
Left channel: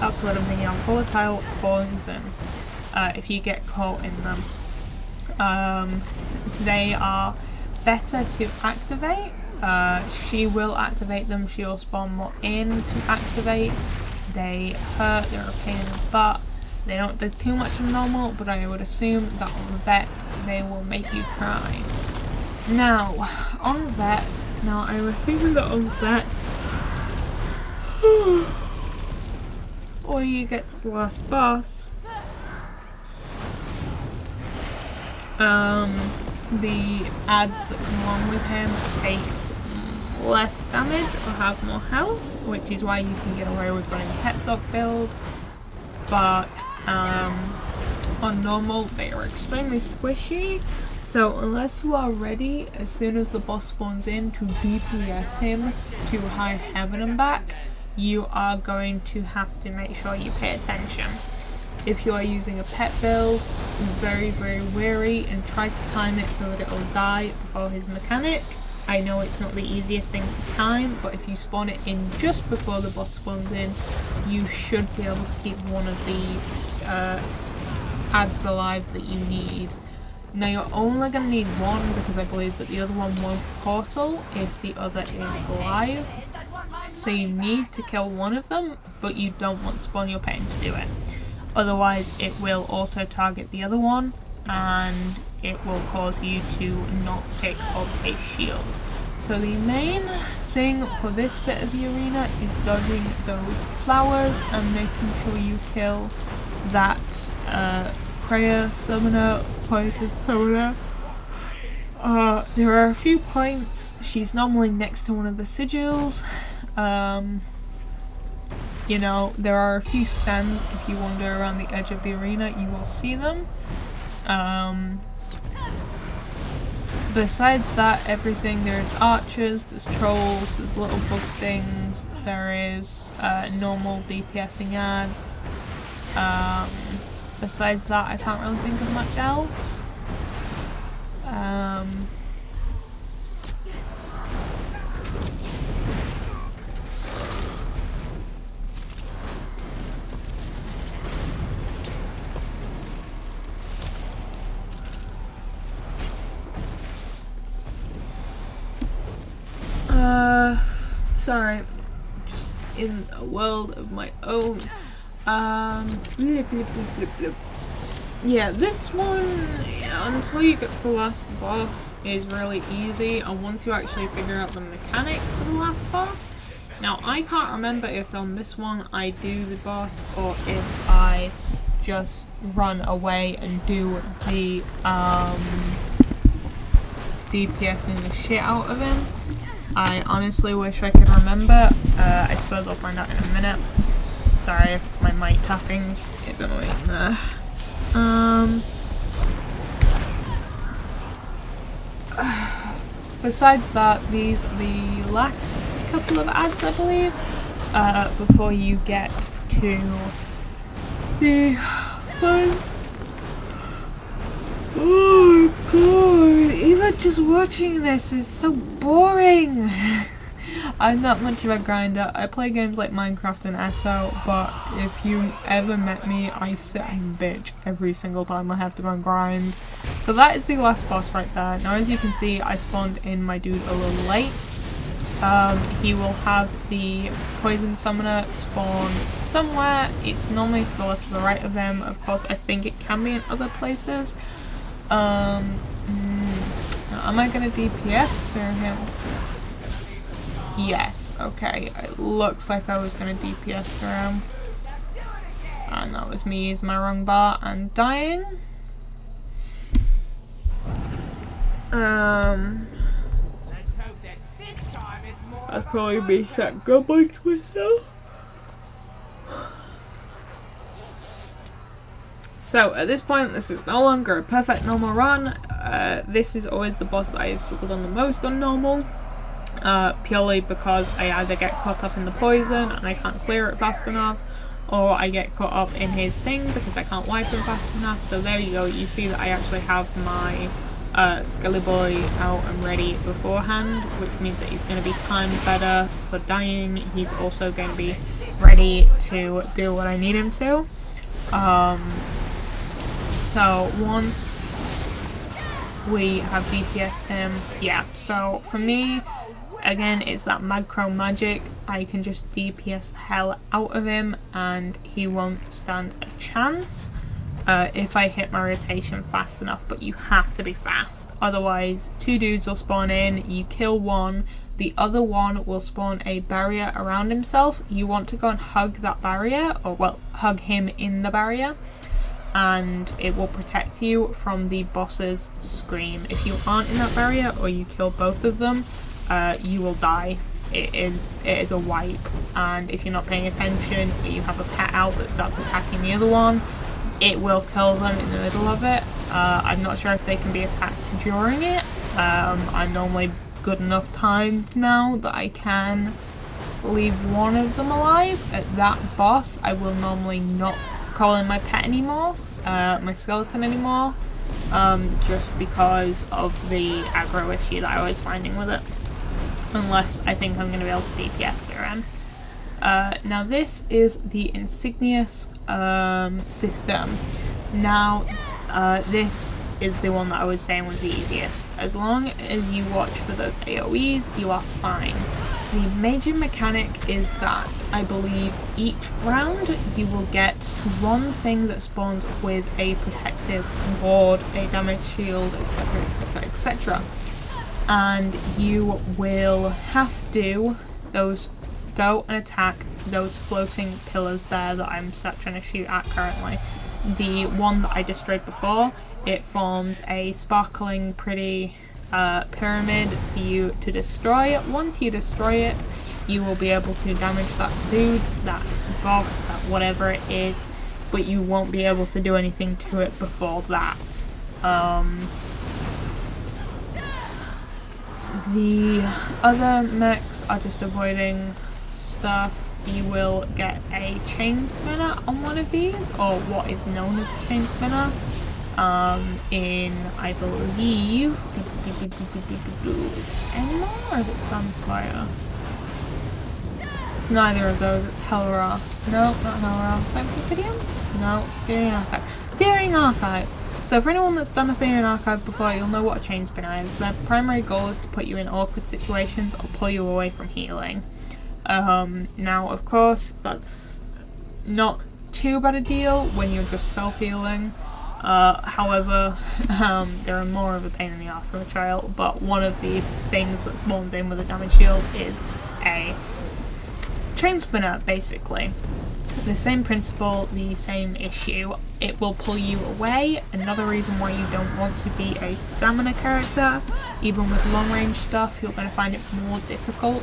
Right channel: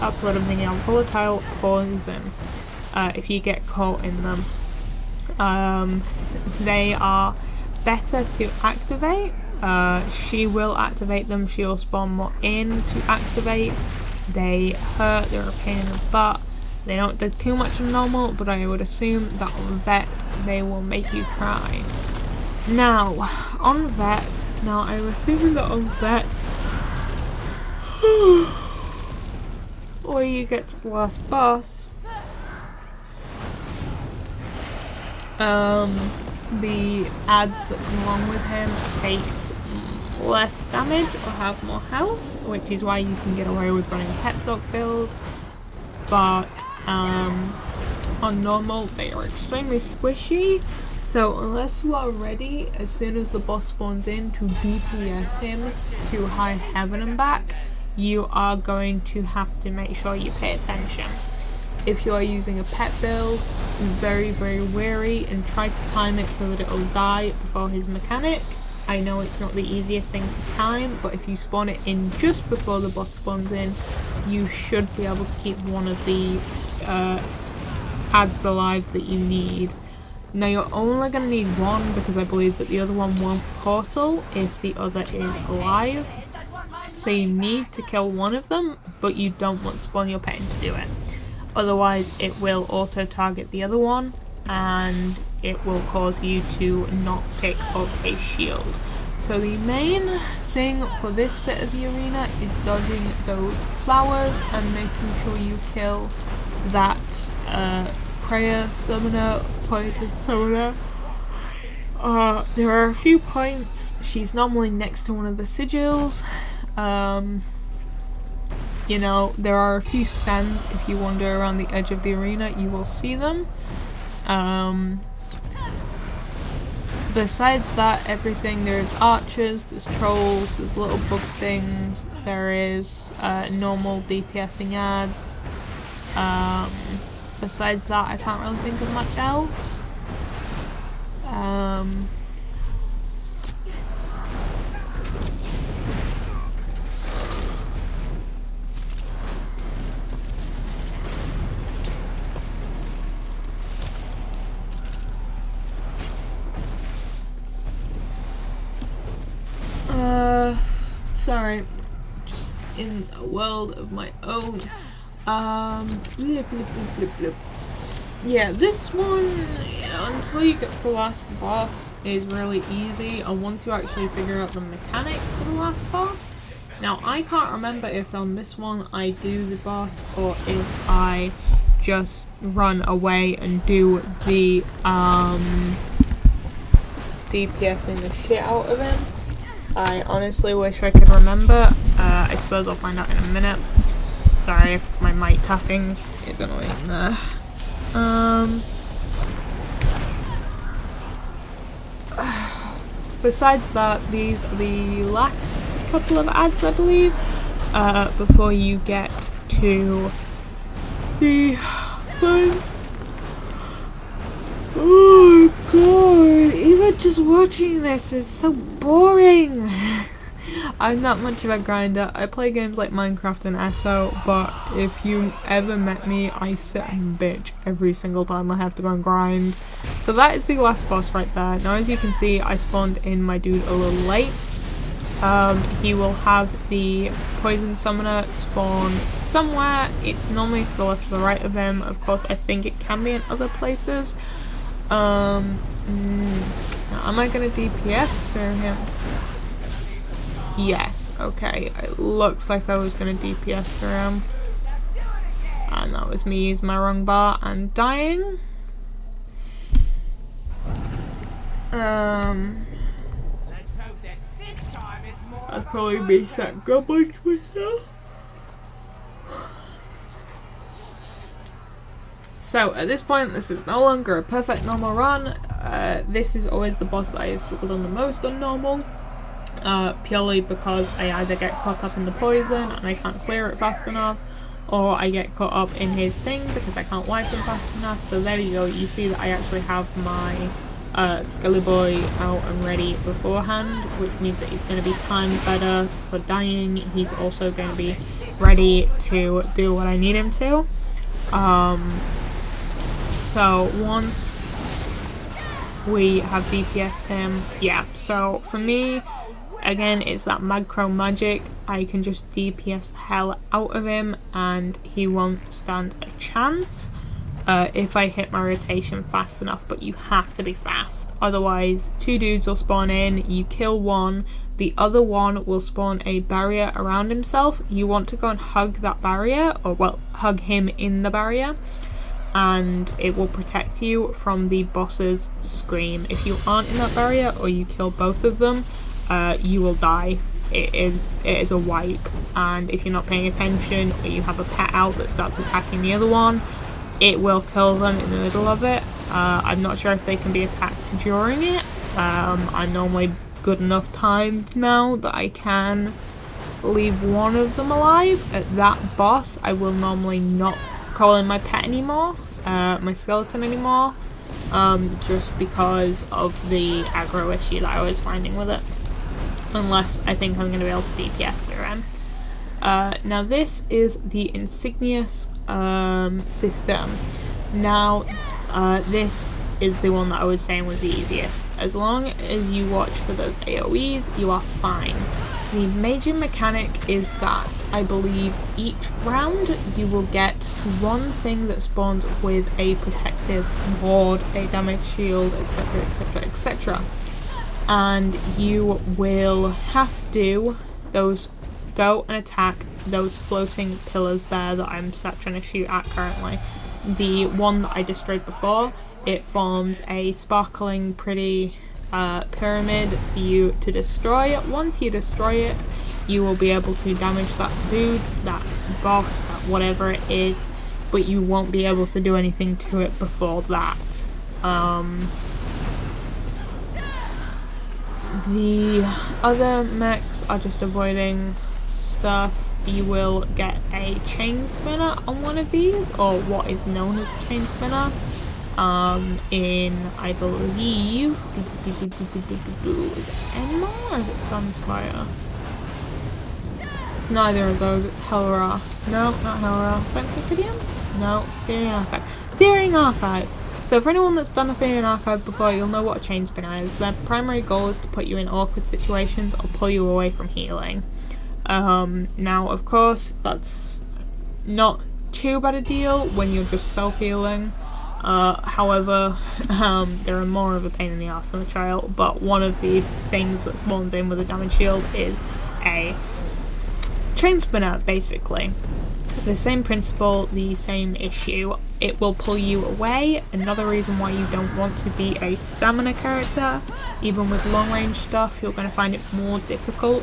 that's what I'm thinking of, volatile poison if you get caught in them. They are better to activate. She will activate them, she will spawn more in to activate. They hurt, they're a pain in the butt. They don't do too much of normal, but I would assume that on Vet they will make you cry. Now, on Vet, I'm assuming that on Vet, or you get to the last boss, the ads that come along with him take less damage or have more health, which is why you can get away with running a Pet Sork build. But on normal they are extremely squishy, so unless you are ready as soon as the boss spawns in to DPS him to high heaven and back, you are going to have to make sure you pay attention. If you are using a pet build, be very, very wary and try to time it so that it will die before his mechanic. I know it's not the easiest thing to time, but if you spawn it in just before the boss spawns in, you should be able to keep one of the ads alive that you need. Now you're only going to need one, because I believe that the other one won't portal if the other is alive. So you need to kill one of them, but you don't want to spawn your pet in to do it. Otherwise it will auto-target the other one, and it will cause you to not pick up a shield. So the main thing for this bit of the arena is dodging those flowers and making sure you kill that prayer summoner, poison summoner. There are a few points. She's normally next to one of the sigils. You know, there are a few stands. If you wander around the edge of the arena, you will see them. Besides that, everything, there's archers, there's trolls, there's little bug things, there is normal DPSing ads. Besides that, I can't really think of much else. Sorry, just in a world of my own. Blip, blip, blip, blip. Yeah, this one, until you get to the last boss, is really easy, and once you actually figure out the mechanic for the last boss. Now, I can't remember if on this one I do the boss, or if I just run away and do the, DPSing the shit out of him. I honestly wish I could remember. I suppose I'll find out in a minute. Sorry if my mic tapping is annoying there. Besides that, these are the last couple of ads, I believe, before you get to the fun. Oh god, even just watching this is so boring. I'm not much of a grinder. I play games like Minecraft and ESO, but if you ever met me, I sit and bitch every single time I have to go and grind. So that is the last boss right there. Now as you can see, I spawned in my dude a little late. He will have the poison summoner spawn somewhere. It's normally to the left or the right of him. Of course, I think it can be in other places. Am I gonna DPS through him? Yes, okay. It looks like I was gonna DPS through him. And that was me using my wrong bar and dying. I'd probably be set good by myself. So at this point, this is no longer a perfect normal run. This is always the boss that I have struggled on the most on normal. Purely because I either get caught up in the poison and I can't clear it fast enough, or I get caught up in his thing because I can't wipe him fast enough. So there you go, you see that I actually have my Skelly Boy out and ready beforehand, which means that he's going to be timed better for dying. He's also going to be ready to do what I need him to. So once we have DPS'd him, yeah, so for me, again, it's that macro magic. I can just DPS the hell out of him and he won't stand a chance if I hit my rotation fast enough, but you have to be fast. Otherwise, two dudes will spawn in, you kill one, the other one will spawn a barrier around himself. You want to go and hug that barrier, or well, hug him in the barrier, and it will protect you from the boss's scream. If you aren't in that barrier or you kill both of them, you will die. It is a wipe, and if you're not paying attention or you have a pet out that starts attacking the other one, it will kill them in the middle of it. I'm not sure if they can be attacked during it. I'm normally good enough timed now that I can leave one of them alive. At that boss, I will normally not call in my pet anymore, my skeleton anymore, just because of the aggro issue that I was finding with it. Unless I think I'm going to be able to DPS through him. Now this is the Insignious system. Now this is the one that I was saying was the easiest. As long as you watch for those AoEs, you are fine. The major mechanic is that I believe each round you will get one thing that spawns with a protective ward, a damage shield, etc, etc, etc. And you will have to go and attack those floating pillars there that I'm sat trying to shoot at currently. The one that I destroyed before, it forms a sparkling pretty pyramid for you to destroy. Once you destroy it, you will be able to damage that dude, that boss, that whatever it is, but you won't be able to do anything to it before that. The other mechs are just avoiding stuff. You will get a chain spinner on one of these, or what is known as a chain spinner, in, I believe, is it Animal or is it Sunspire? It's neither of those, it's Hellra. No, not Hellra. Sanctifidium? No, Theory Archive. Theory Archive! So for anyone that's done a Theory Archive before, you'll know what a chain spinner is. Their primary goal is to put you in awkward situations or pull you away from healing. Now, of course, that's not too bad a deal when you're just self-healing. However, there are more of a pain in the arse on the trial, but one of the things that spawns in with a damage shield is a chain spinner, basically. The same principle, the same issue. It will pull you away. Another reason why you don't want to be a stamina character, even with long range stuff, you're going to find it more difficult.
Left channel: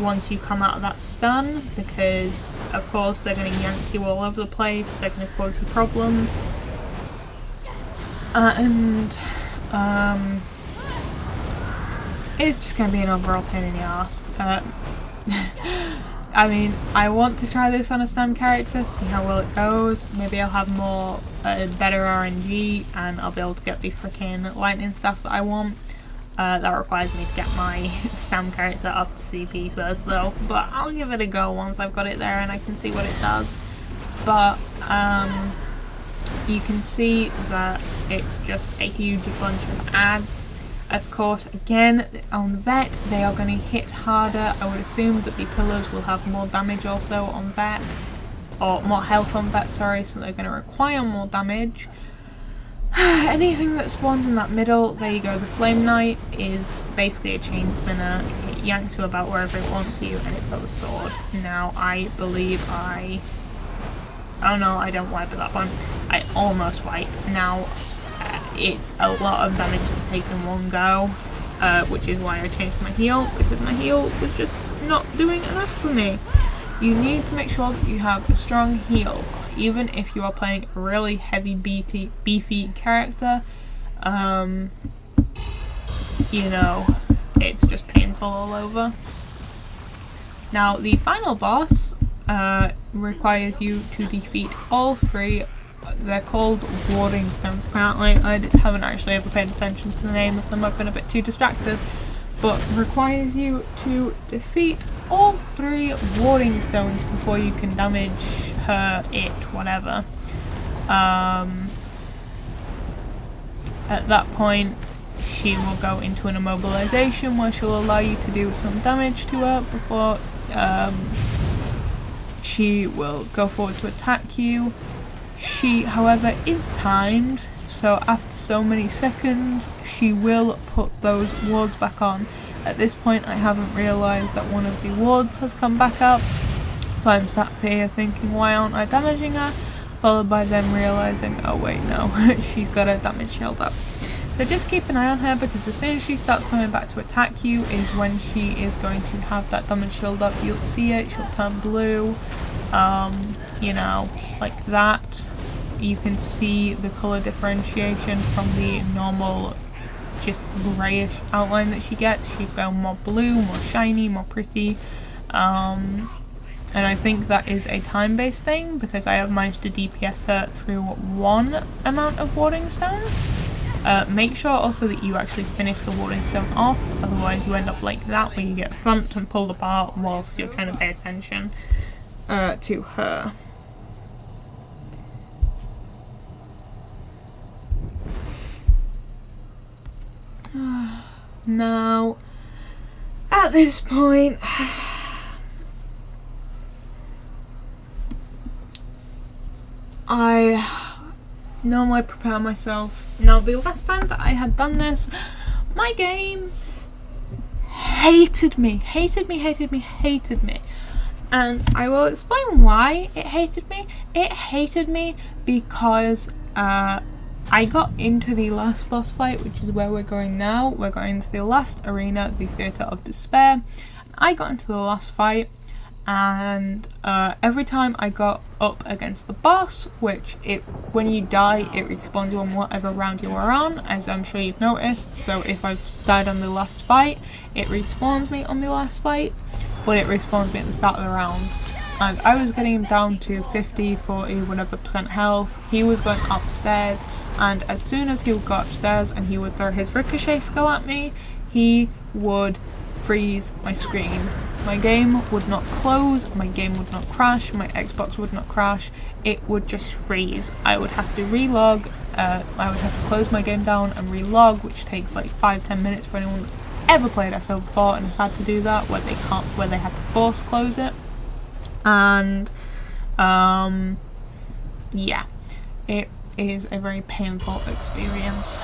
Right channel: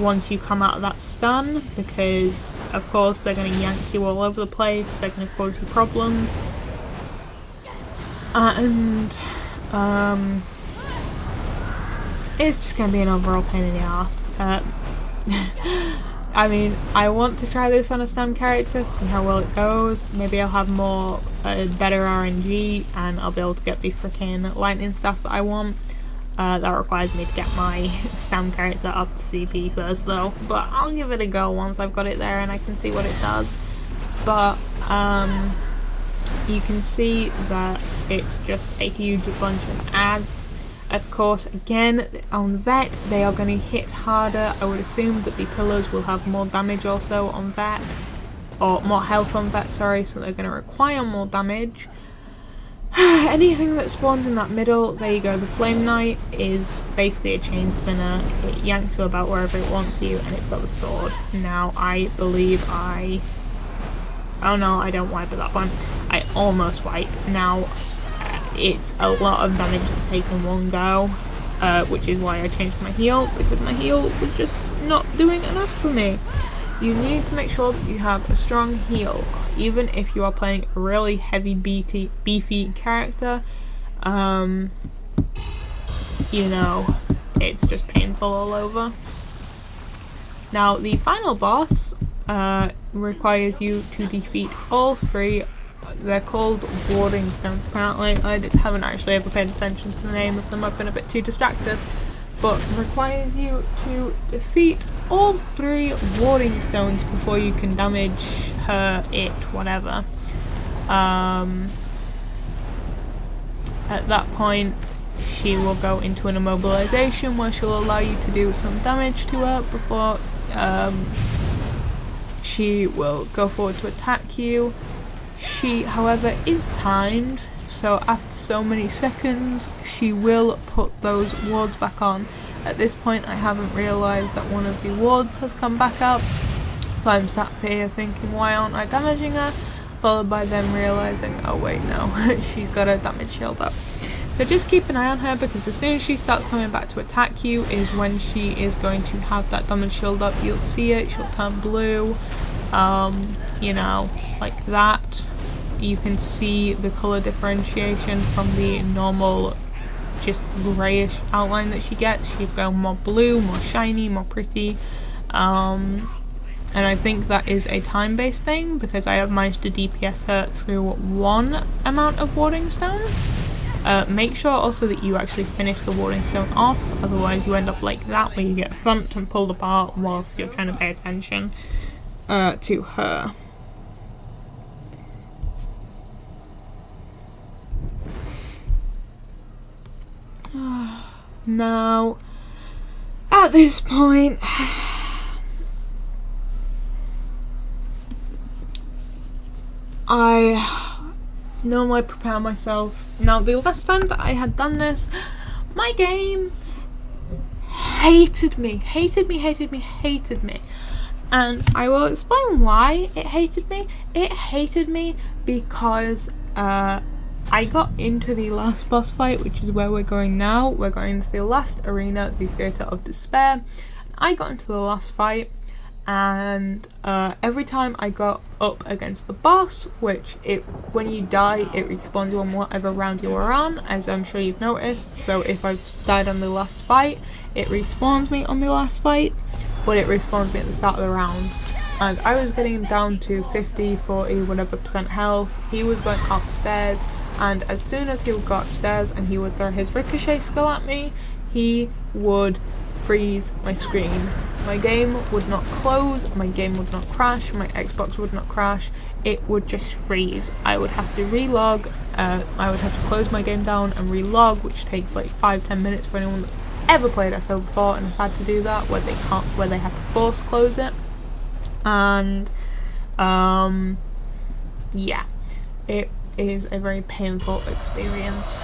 once you come out of that stun, because of course they're going to yank you all over the place, they're going to cause you problems. And it's just going to be an overall pain in the arse. I mean, I want to try this on a STEM character, see how well it goes. Maybe I'll have more, better RNG, and I'll be able to get the freaking lightning stuff that I want. That requires me to get my STEM character up to CP first though, but I'll give it a go once I've got it there and I can see what it does. But you can see that it's just a huge bunch of ads. Of course, again, on Vet, they are going to hit harder. I would assume that the pillars will have more damage also on Vet, or more health on Vet, sorry, so they're going to require more damage. Anything that spawns in that middle, there you go, the Flame Knight is basically a chain spinner. It yanks you about wherever it wants you, and it's got the sword. Now, I believe oh no, I don't wipe at that one. I almost wipe. Now, it's a lot of damage to take in one go, which is why I changed my heal, because my heal was just not doing enough for me. You need to make sure that you have a strong heal, even if you are playing a really heavy beefy character. You know, it's just painful all over. Now, the final boss requires you to defeat all three. They're called warding stones apparently. I haven't actually ever paid attention to the name of them, I've been a bit too distracted. But requires you to defeat all three warding stones before you can damage her, it, whatever. At that point, she will go into an immobilization where she'll allow you to do some damage to her before she will go forward to attack you. She, however, is timed, so after so many seconds, she will put those wards back on. At this point, I haven't realised that one of the wards has come back up, so I'm sat here thinking, why aren't I damaging her? Followed by them realising, oh wait, no, she's got a damage shield up. So just keep an eye on her, because as soon as she starts coming back to attack you is when she is going to have that damage shield up. You'll see it, she'll turn blue, you know, like that. You can see the colour differentiation from the normal just greyish outline that she gets. She's gone more blue, more shiny, more pretty. And I think that is a time-based thing, because I have managed to DPS her through one amount of warding stones. Make sure also that you actually finish the warding stone off, otherwise you end up like that, where you get thumped and pulled apart whilst you're trying to pay attention to her. Now, at this point, I normally prepare myself. Now, the last time that I had done this, my game hated me. And I will explain why it hated me. It hated me because I got into the last boss fight, which is where we're going now. We're going to the last arena, the Theatre of Despair. I got into the last fight, and every time I got up against the boss, which when you die, it respawns you on whatever round you are on, as I'm sure you've noticed. So if I've died on the last fight, it respawns me on the last fight, but it respawns me at the start of the round. And I was getting him down to 50, 40, whatever % health. He was going upstairs, and as soon as he would go upstairs and he would throw his ricochet skill at me, he would freeze my screen. My game would not close, my game would not crash, my Xbox would not crash, it would just freeze. I would have to relog, I would have to close my game down and relog, which takes like 5-10 minutes for anyone that's ever played SO before and has had to do that, where they have to force close it. And yeah, it is a very painful experience,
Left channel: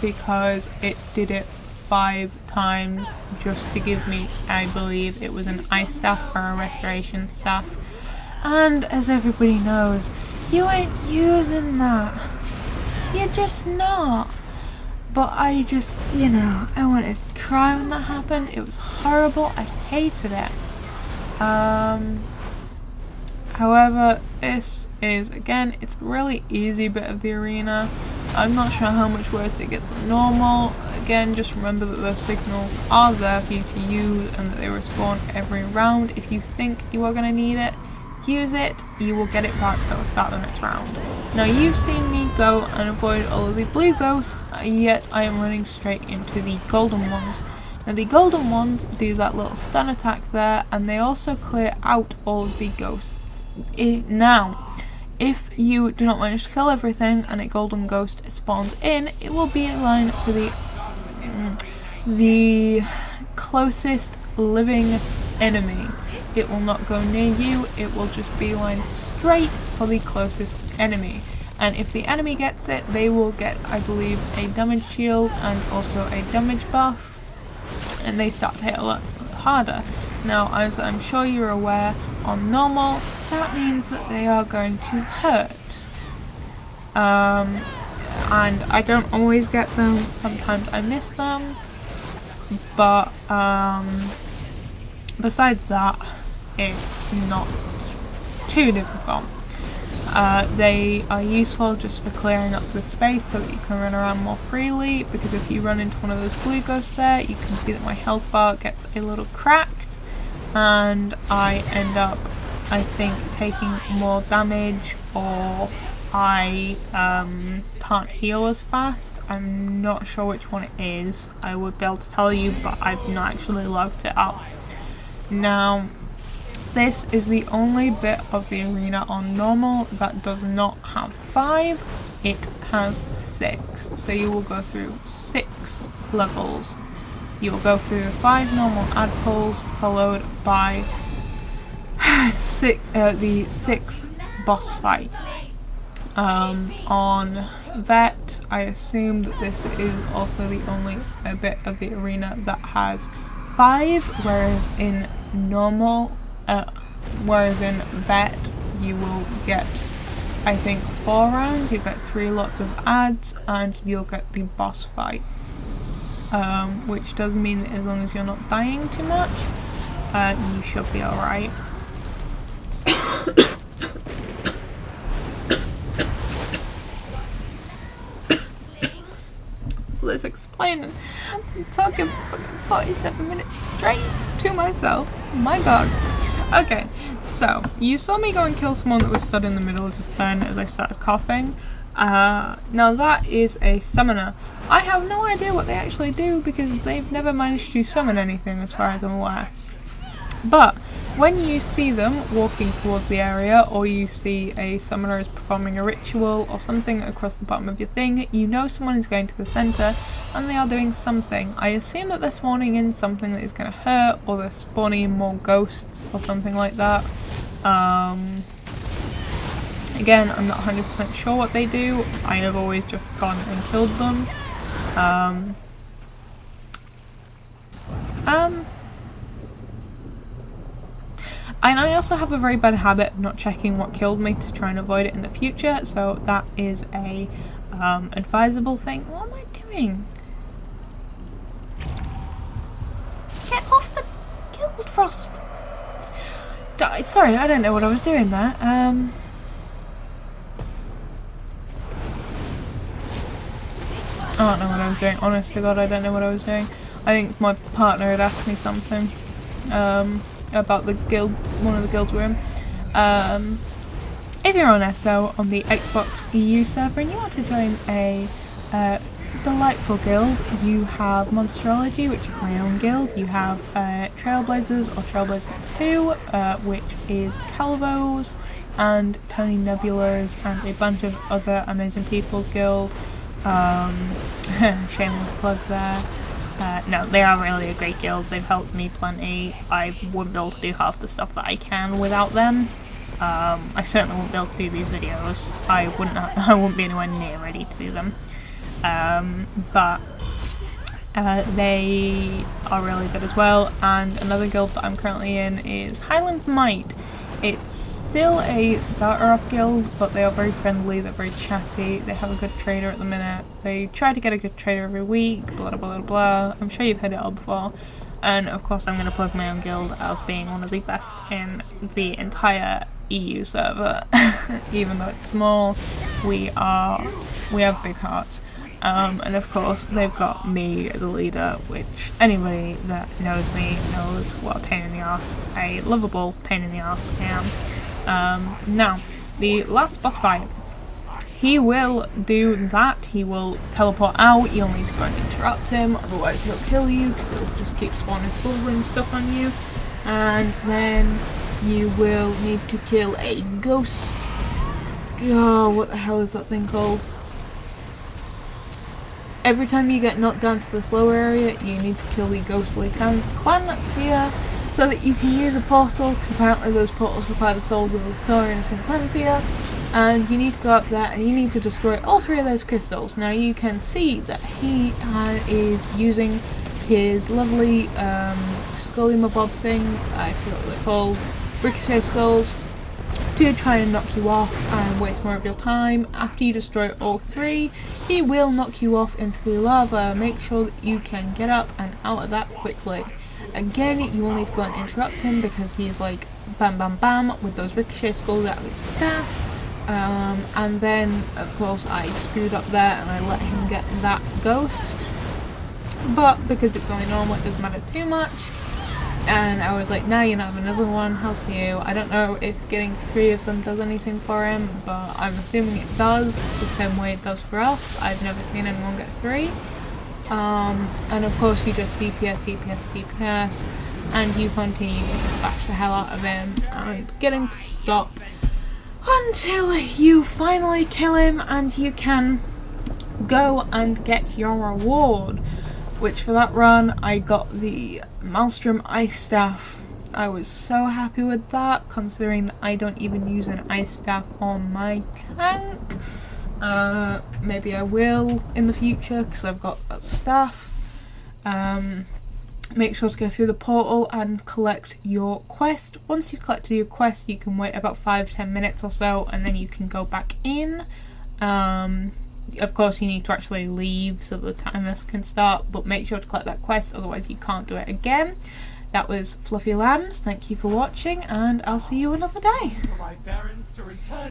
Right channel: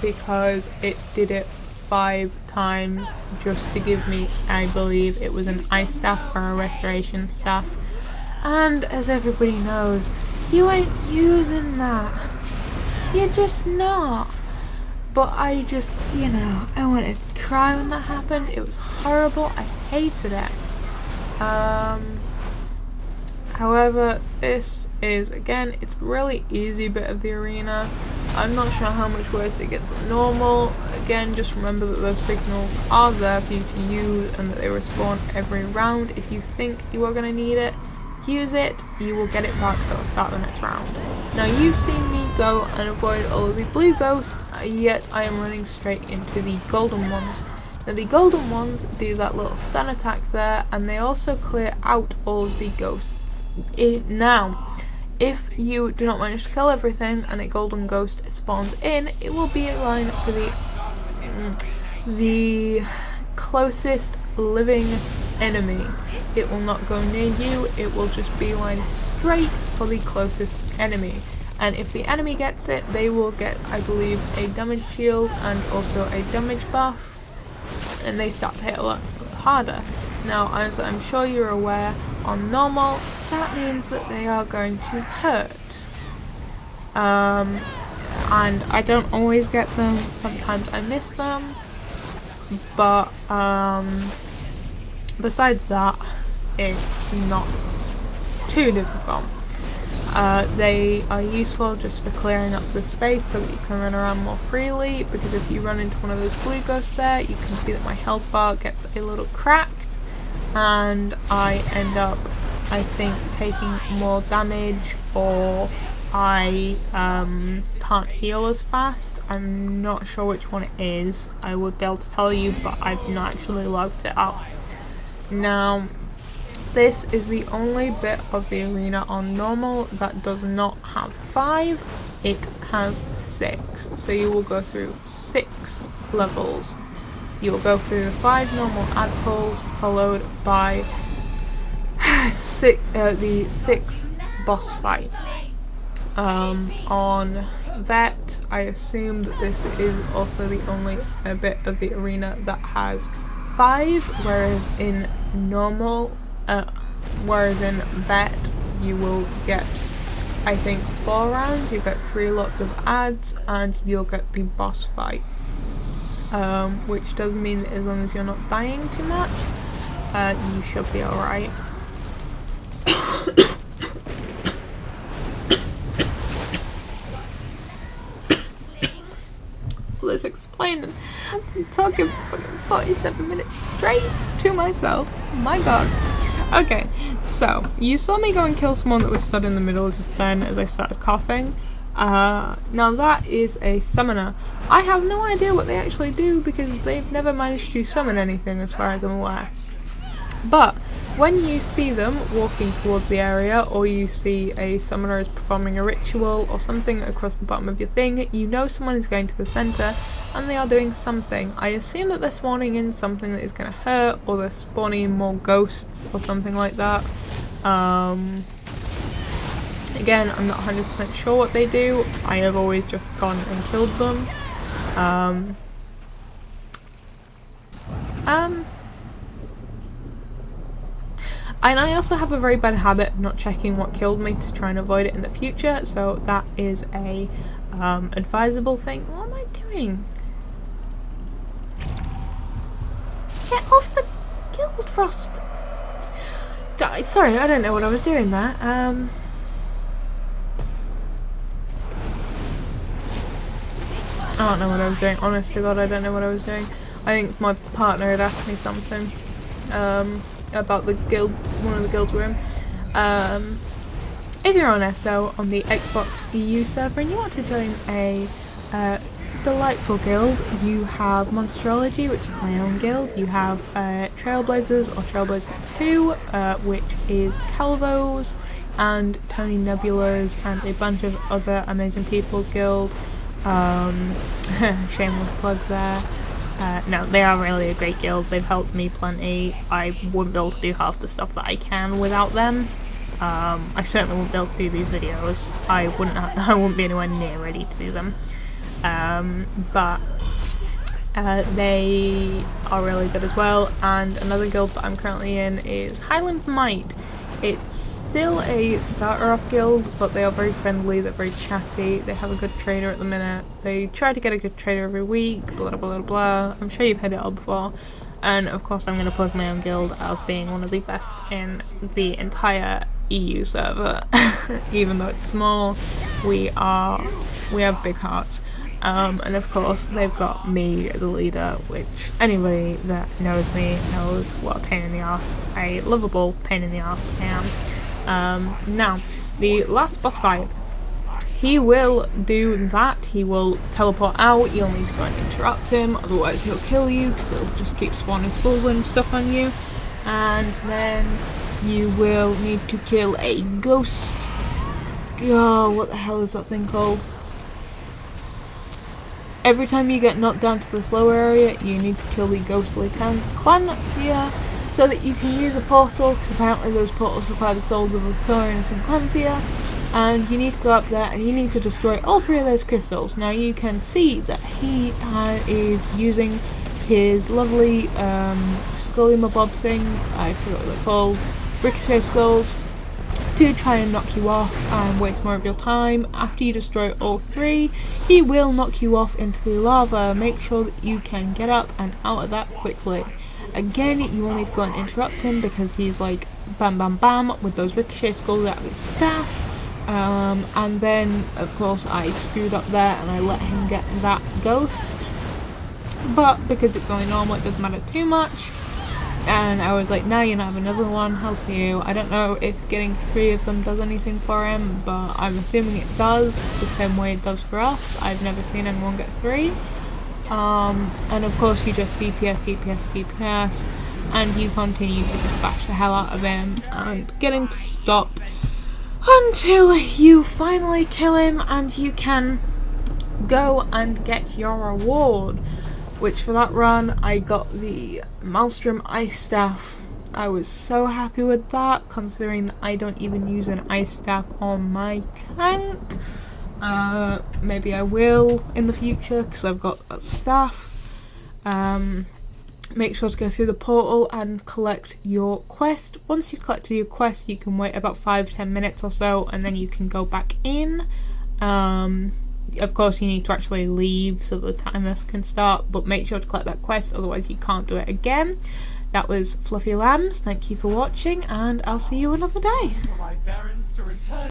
because it did it 5 times just to give me, I believe it was an ice staff or a restoration staff, and as everybody knows, you ain't using that, you're just not. But I just, you know, I wanted to cry when that happened. It was horrible. I hated it. However, this is, again, it's a really easy bit of the arena. I'm not sure how much worse it gets than normal. Again, just remember that those signals are there for you to use and that they respawn every round. If you think you are going to need it, use it. You will get it back at the start of the next round. Now, you've seen me go and avoid all of the blue ghosts, yet I am running straight into the golden ones. Now, the golden ones do that little stun attack there, and they also clear out all of the ghosts. Now, if you do not manage to kill everything and a golden ghost spawns in, it will be in line for the closest living enemy. It will not go near you, it will just beeline straight for the closest enemy. And if the enemy gets it, they will get, I believe, a damage shield and also a damage buff, and they start to hit a lot harder. Now, as I'm sure you're aware, on normal, that means that they are going to hurt. And I don't always get them, sometimes I miss them, but besides that, it's not too difficult. They are useful just for clearing up the space so that you can run around more freely, because if you run into one of those blue ghosts there, you can see that my health bar gets a little cracked, and I end up, I think, taking more damage, or I can't heal as fast. I'm not sure which one it is. I would be able to tell you, but I've not actually logged it up. Now, this is the only bit of the arena on normal that does not have 5, it has 6. So you will go through 6 levels. You will go through 5 normal ad pulls, followed by the 6th boss fight. On Vet, I assume that this is also the only bit of the arena that has 5, whereas in Vet you will get, I think, 4 rounds, you get 3 lots of ads, and you'll get the boss fight. Which does mean that as long as you're not dying too much, you should be alright. Let's explain it. I'm talking fucking 47 minutes straight to myself. My god. Okay, so you saw me go and kill someone that was stood in the middle just then as I started coughing. Now that is a summoner. I have no idea what they actually do because they've never managed to summon anything as far as I'm aware. But when you see them walking towards the area, or you see a summoner is performing a ritual or something across the bottom of your thing, you know someone is going to the centre and they are doing something. I assume that they're spawning in something that is going to hurt, or they're spawning in more ghosts or something like that. Again, I'm not 100% sure what they do. I have always just gone and killed them. And I also have a very bad habit of not checking what killed me to try and avoid it in the future, so that is a advisable thing. What am I doing? Get off the Guild Frost! Sorry, I don't know what I was doing there. I don't know what I was doing. Honest to God, I don't know what I was doing. I think my partner had asked me something about the guild, one of the guilds we're in. If you're on SO on the Xbox EU server and you want to join a delightful guild, you have Monsterology, which is my own guild. You have Trailblazers, or Trailblazers 2, which is Calvos and Tony Nebulas and a bunch of other amazing people's guild. Shameless plug there. No, they are really a great guild. They've helped me plenty. I wouldn't be able to do half the stuff that I can without them. I certainly wouldn't be able to do these videos. I wouldn't be anywhere near ready to do them. But they are really good as well. And another guild that I'm currently in is Highland Might. It's still a starter off guild, but they are very friendly, they're very chatty, they have a good trader at the minute. They try to get a good trader every week, blah blah blah blah. I'm sure you've heard it all before. And of course I'm going to plug my own guild as being one of the best in the entire EU server. Even though it's small, we have big hearts. And of course they've got me as a leader, which anybody that knows me knows what a pain in the arse, a lovable pain in the arse I am. Now, the last boss fight, he will do that, he will teleport out, you'll need to go and interrupt him, otherwise he'll kill you because he'll just keep spawning skulls and stuff on you. And then you will need to kill a ghost. Oh, what the hell is that thing called? Every time you get knocked down to the slow area, you need to kill the ghostly clan here, so that you can use a portal, because apparently those portals supply the souls of the Victorians and Clanthea, and you need to go up there and you need to destroy all 3 of those crystals. Now you can see that he is using his lovely scully mabob things, I forget what they're called, ricochet skulls, to try and knock you off and waste more of your time. After you destroy all 3, he will knock you off into the lava. Make sure that you can get up and out of that quickly. Again, you will need to go and interrupt him because he's like bam bam bam with those ricochet skulls out of his staff. And then of course I screwed up there and I let him get that ghost. But because it's only normal, it doesn't matter too much. And I was like, now you have another one, hell to you. I don't know if getting 3 of them does anything for him, but I'm assuming it does, the same way it does for us. I've never seen anyone get 3. And of course you just DPS, and you continue to just bash the hell out of him and get him to stop until you finally kill him and you can go and get your reward. Which for that run, I got the Maelstrom Ice Staff. I was so happy with that, considering that I don't even use an Ice Staff on my tank. Maybe I will in the future, because I've got a staff. Make sure to go through the portal and collect your quest. Once you've collected your quest, you can wait about 5-10 minutes or so, and then you can go back in. Of course you need to actually leave so the timer can start, but make sure to collect that quest, otherwise you can't do it again. That was Fluffy Lambs, thank you for watching, and I'll see you another day.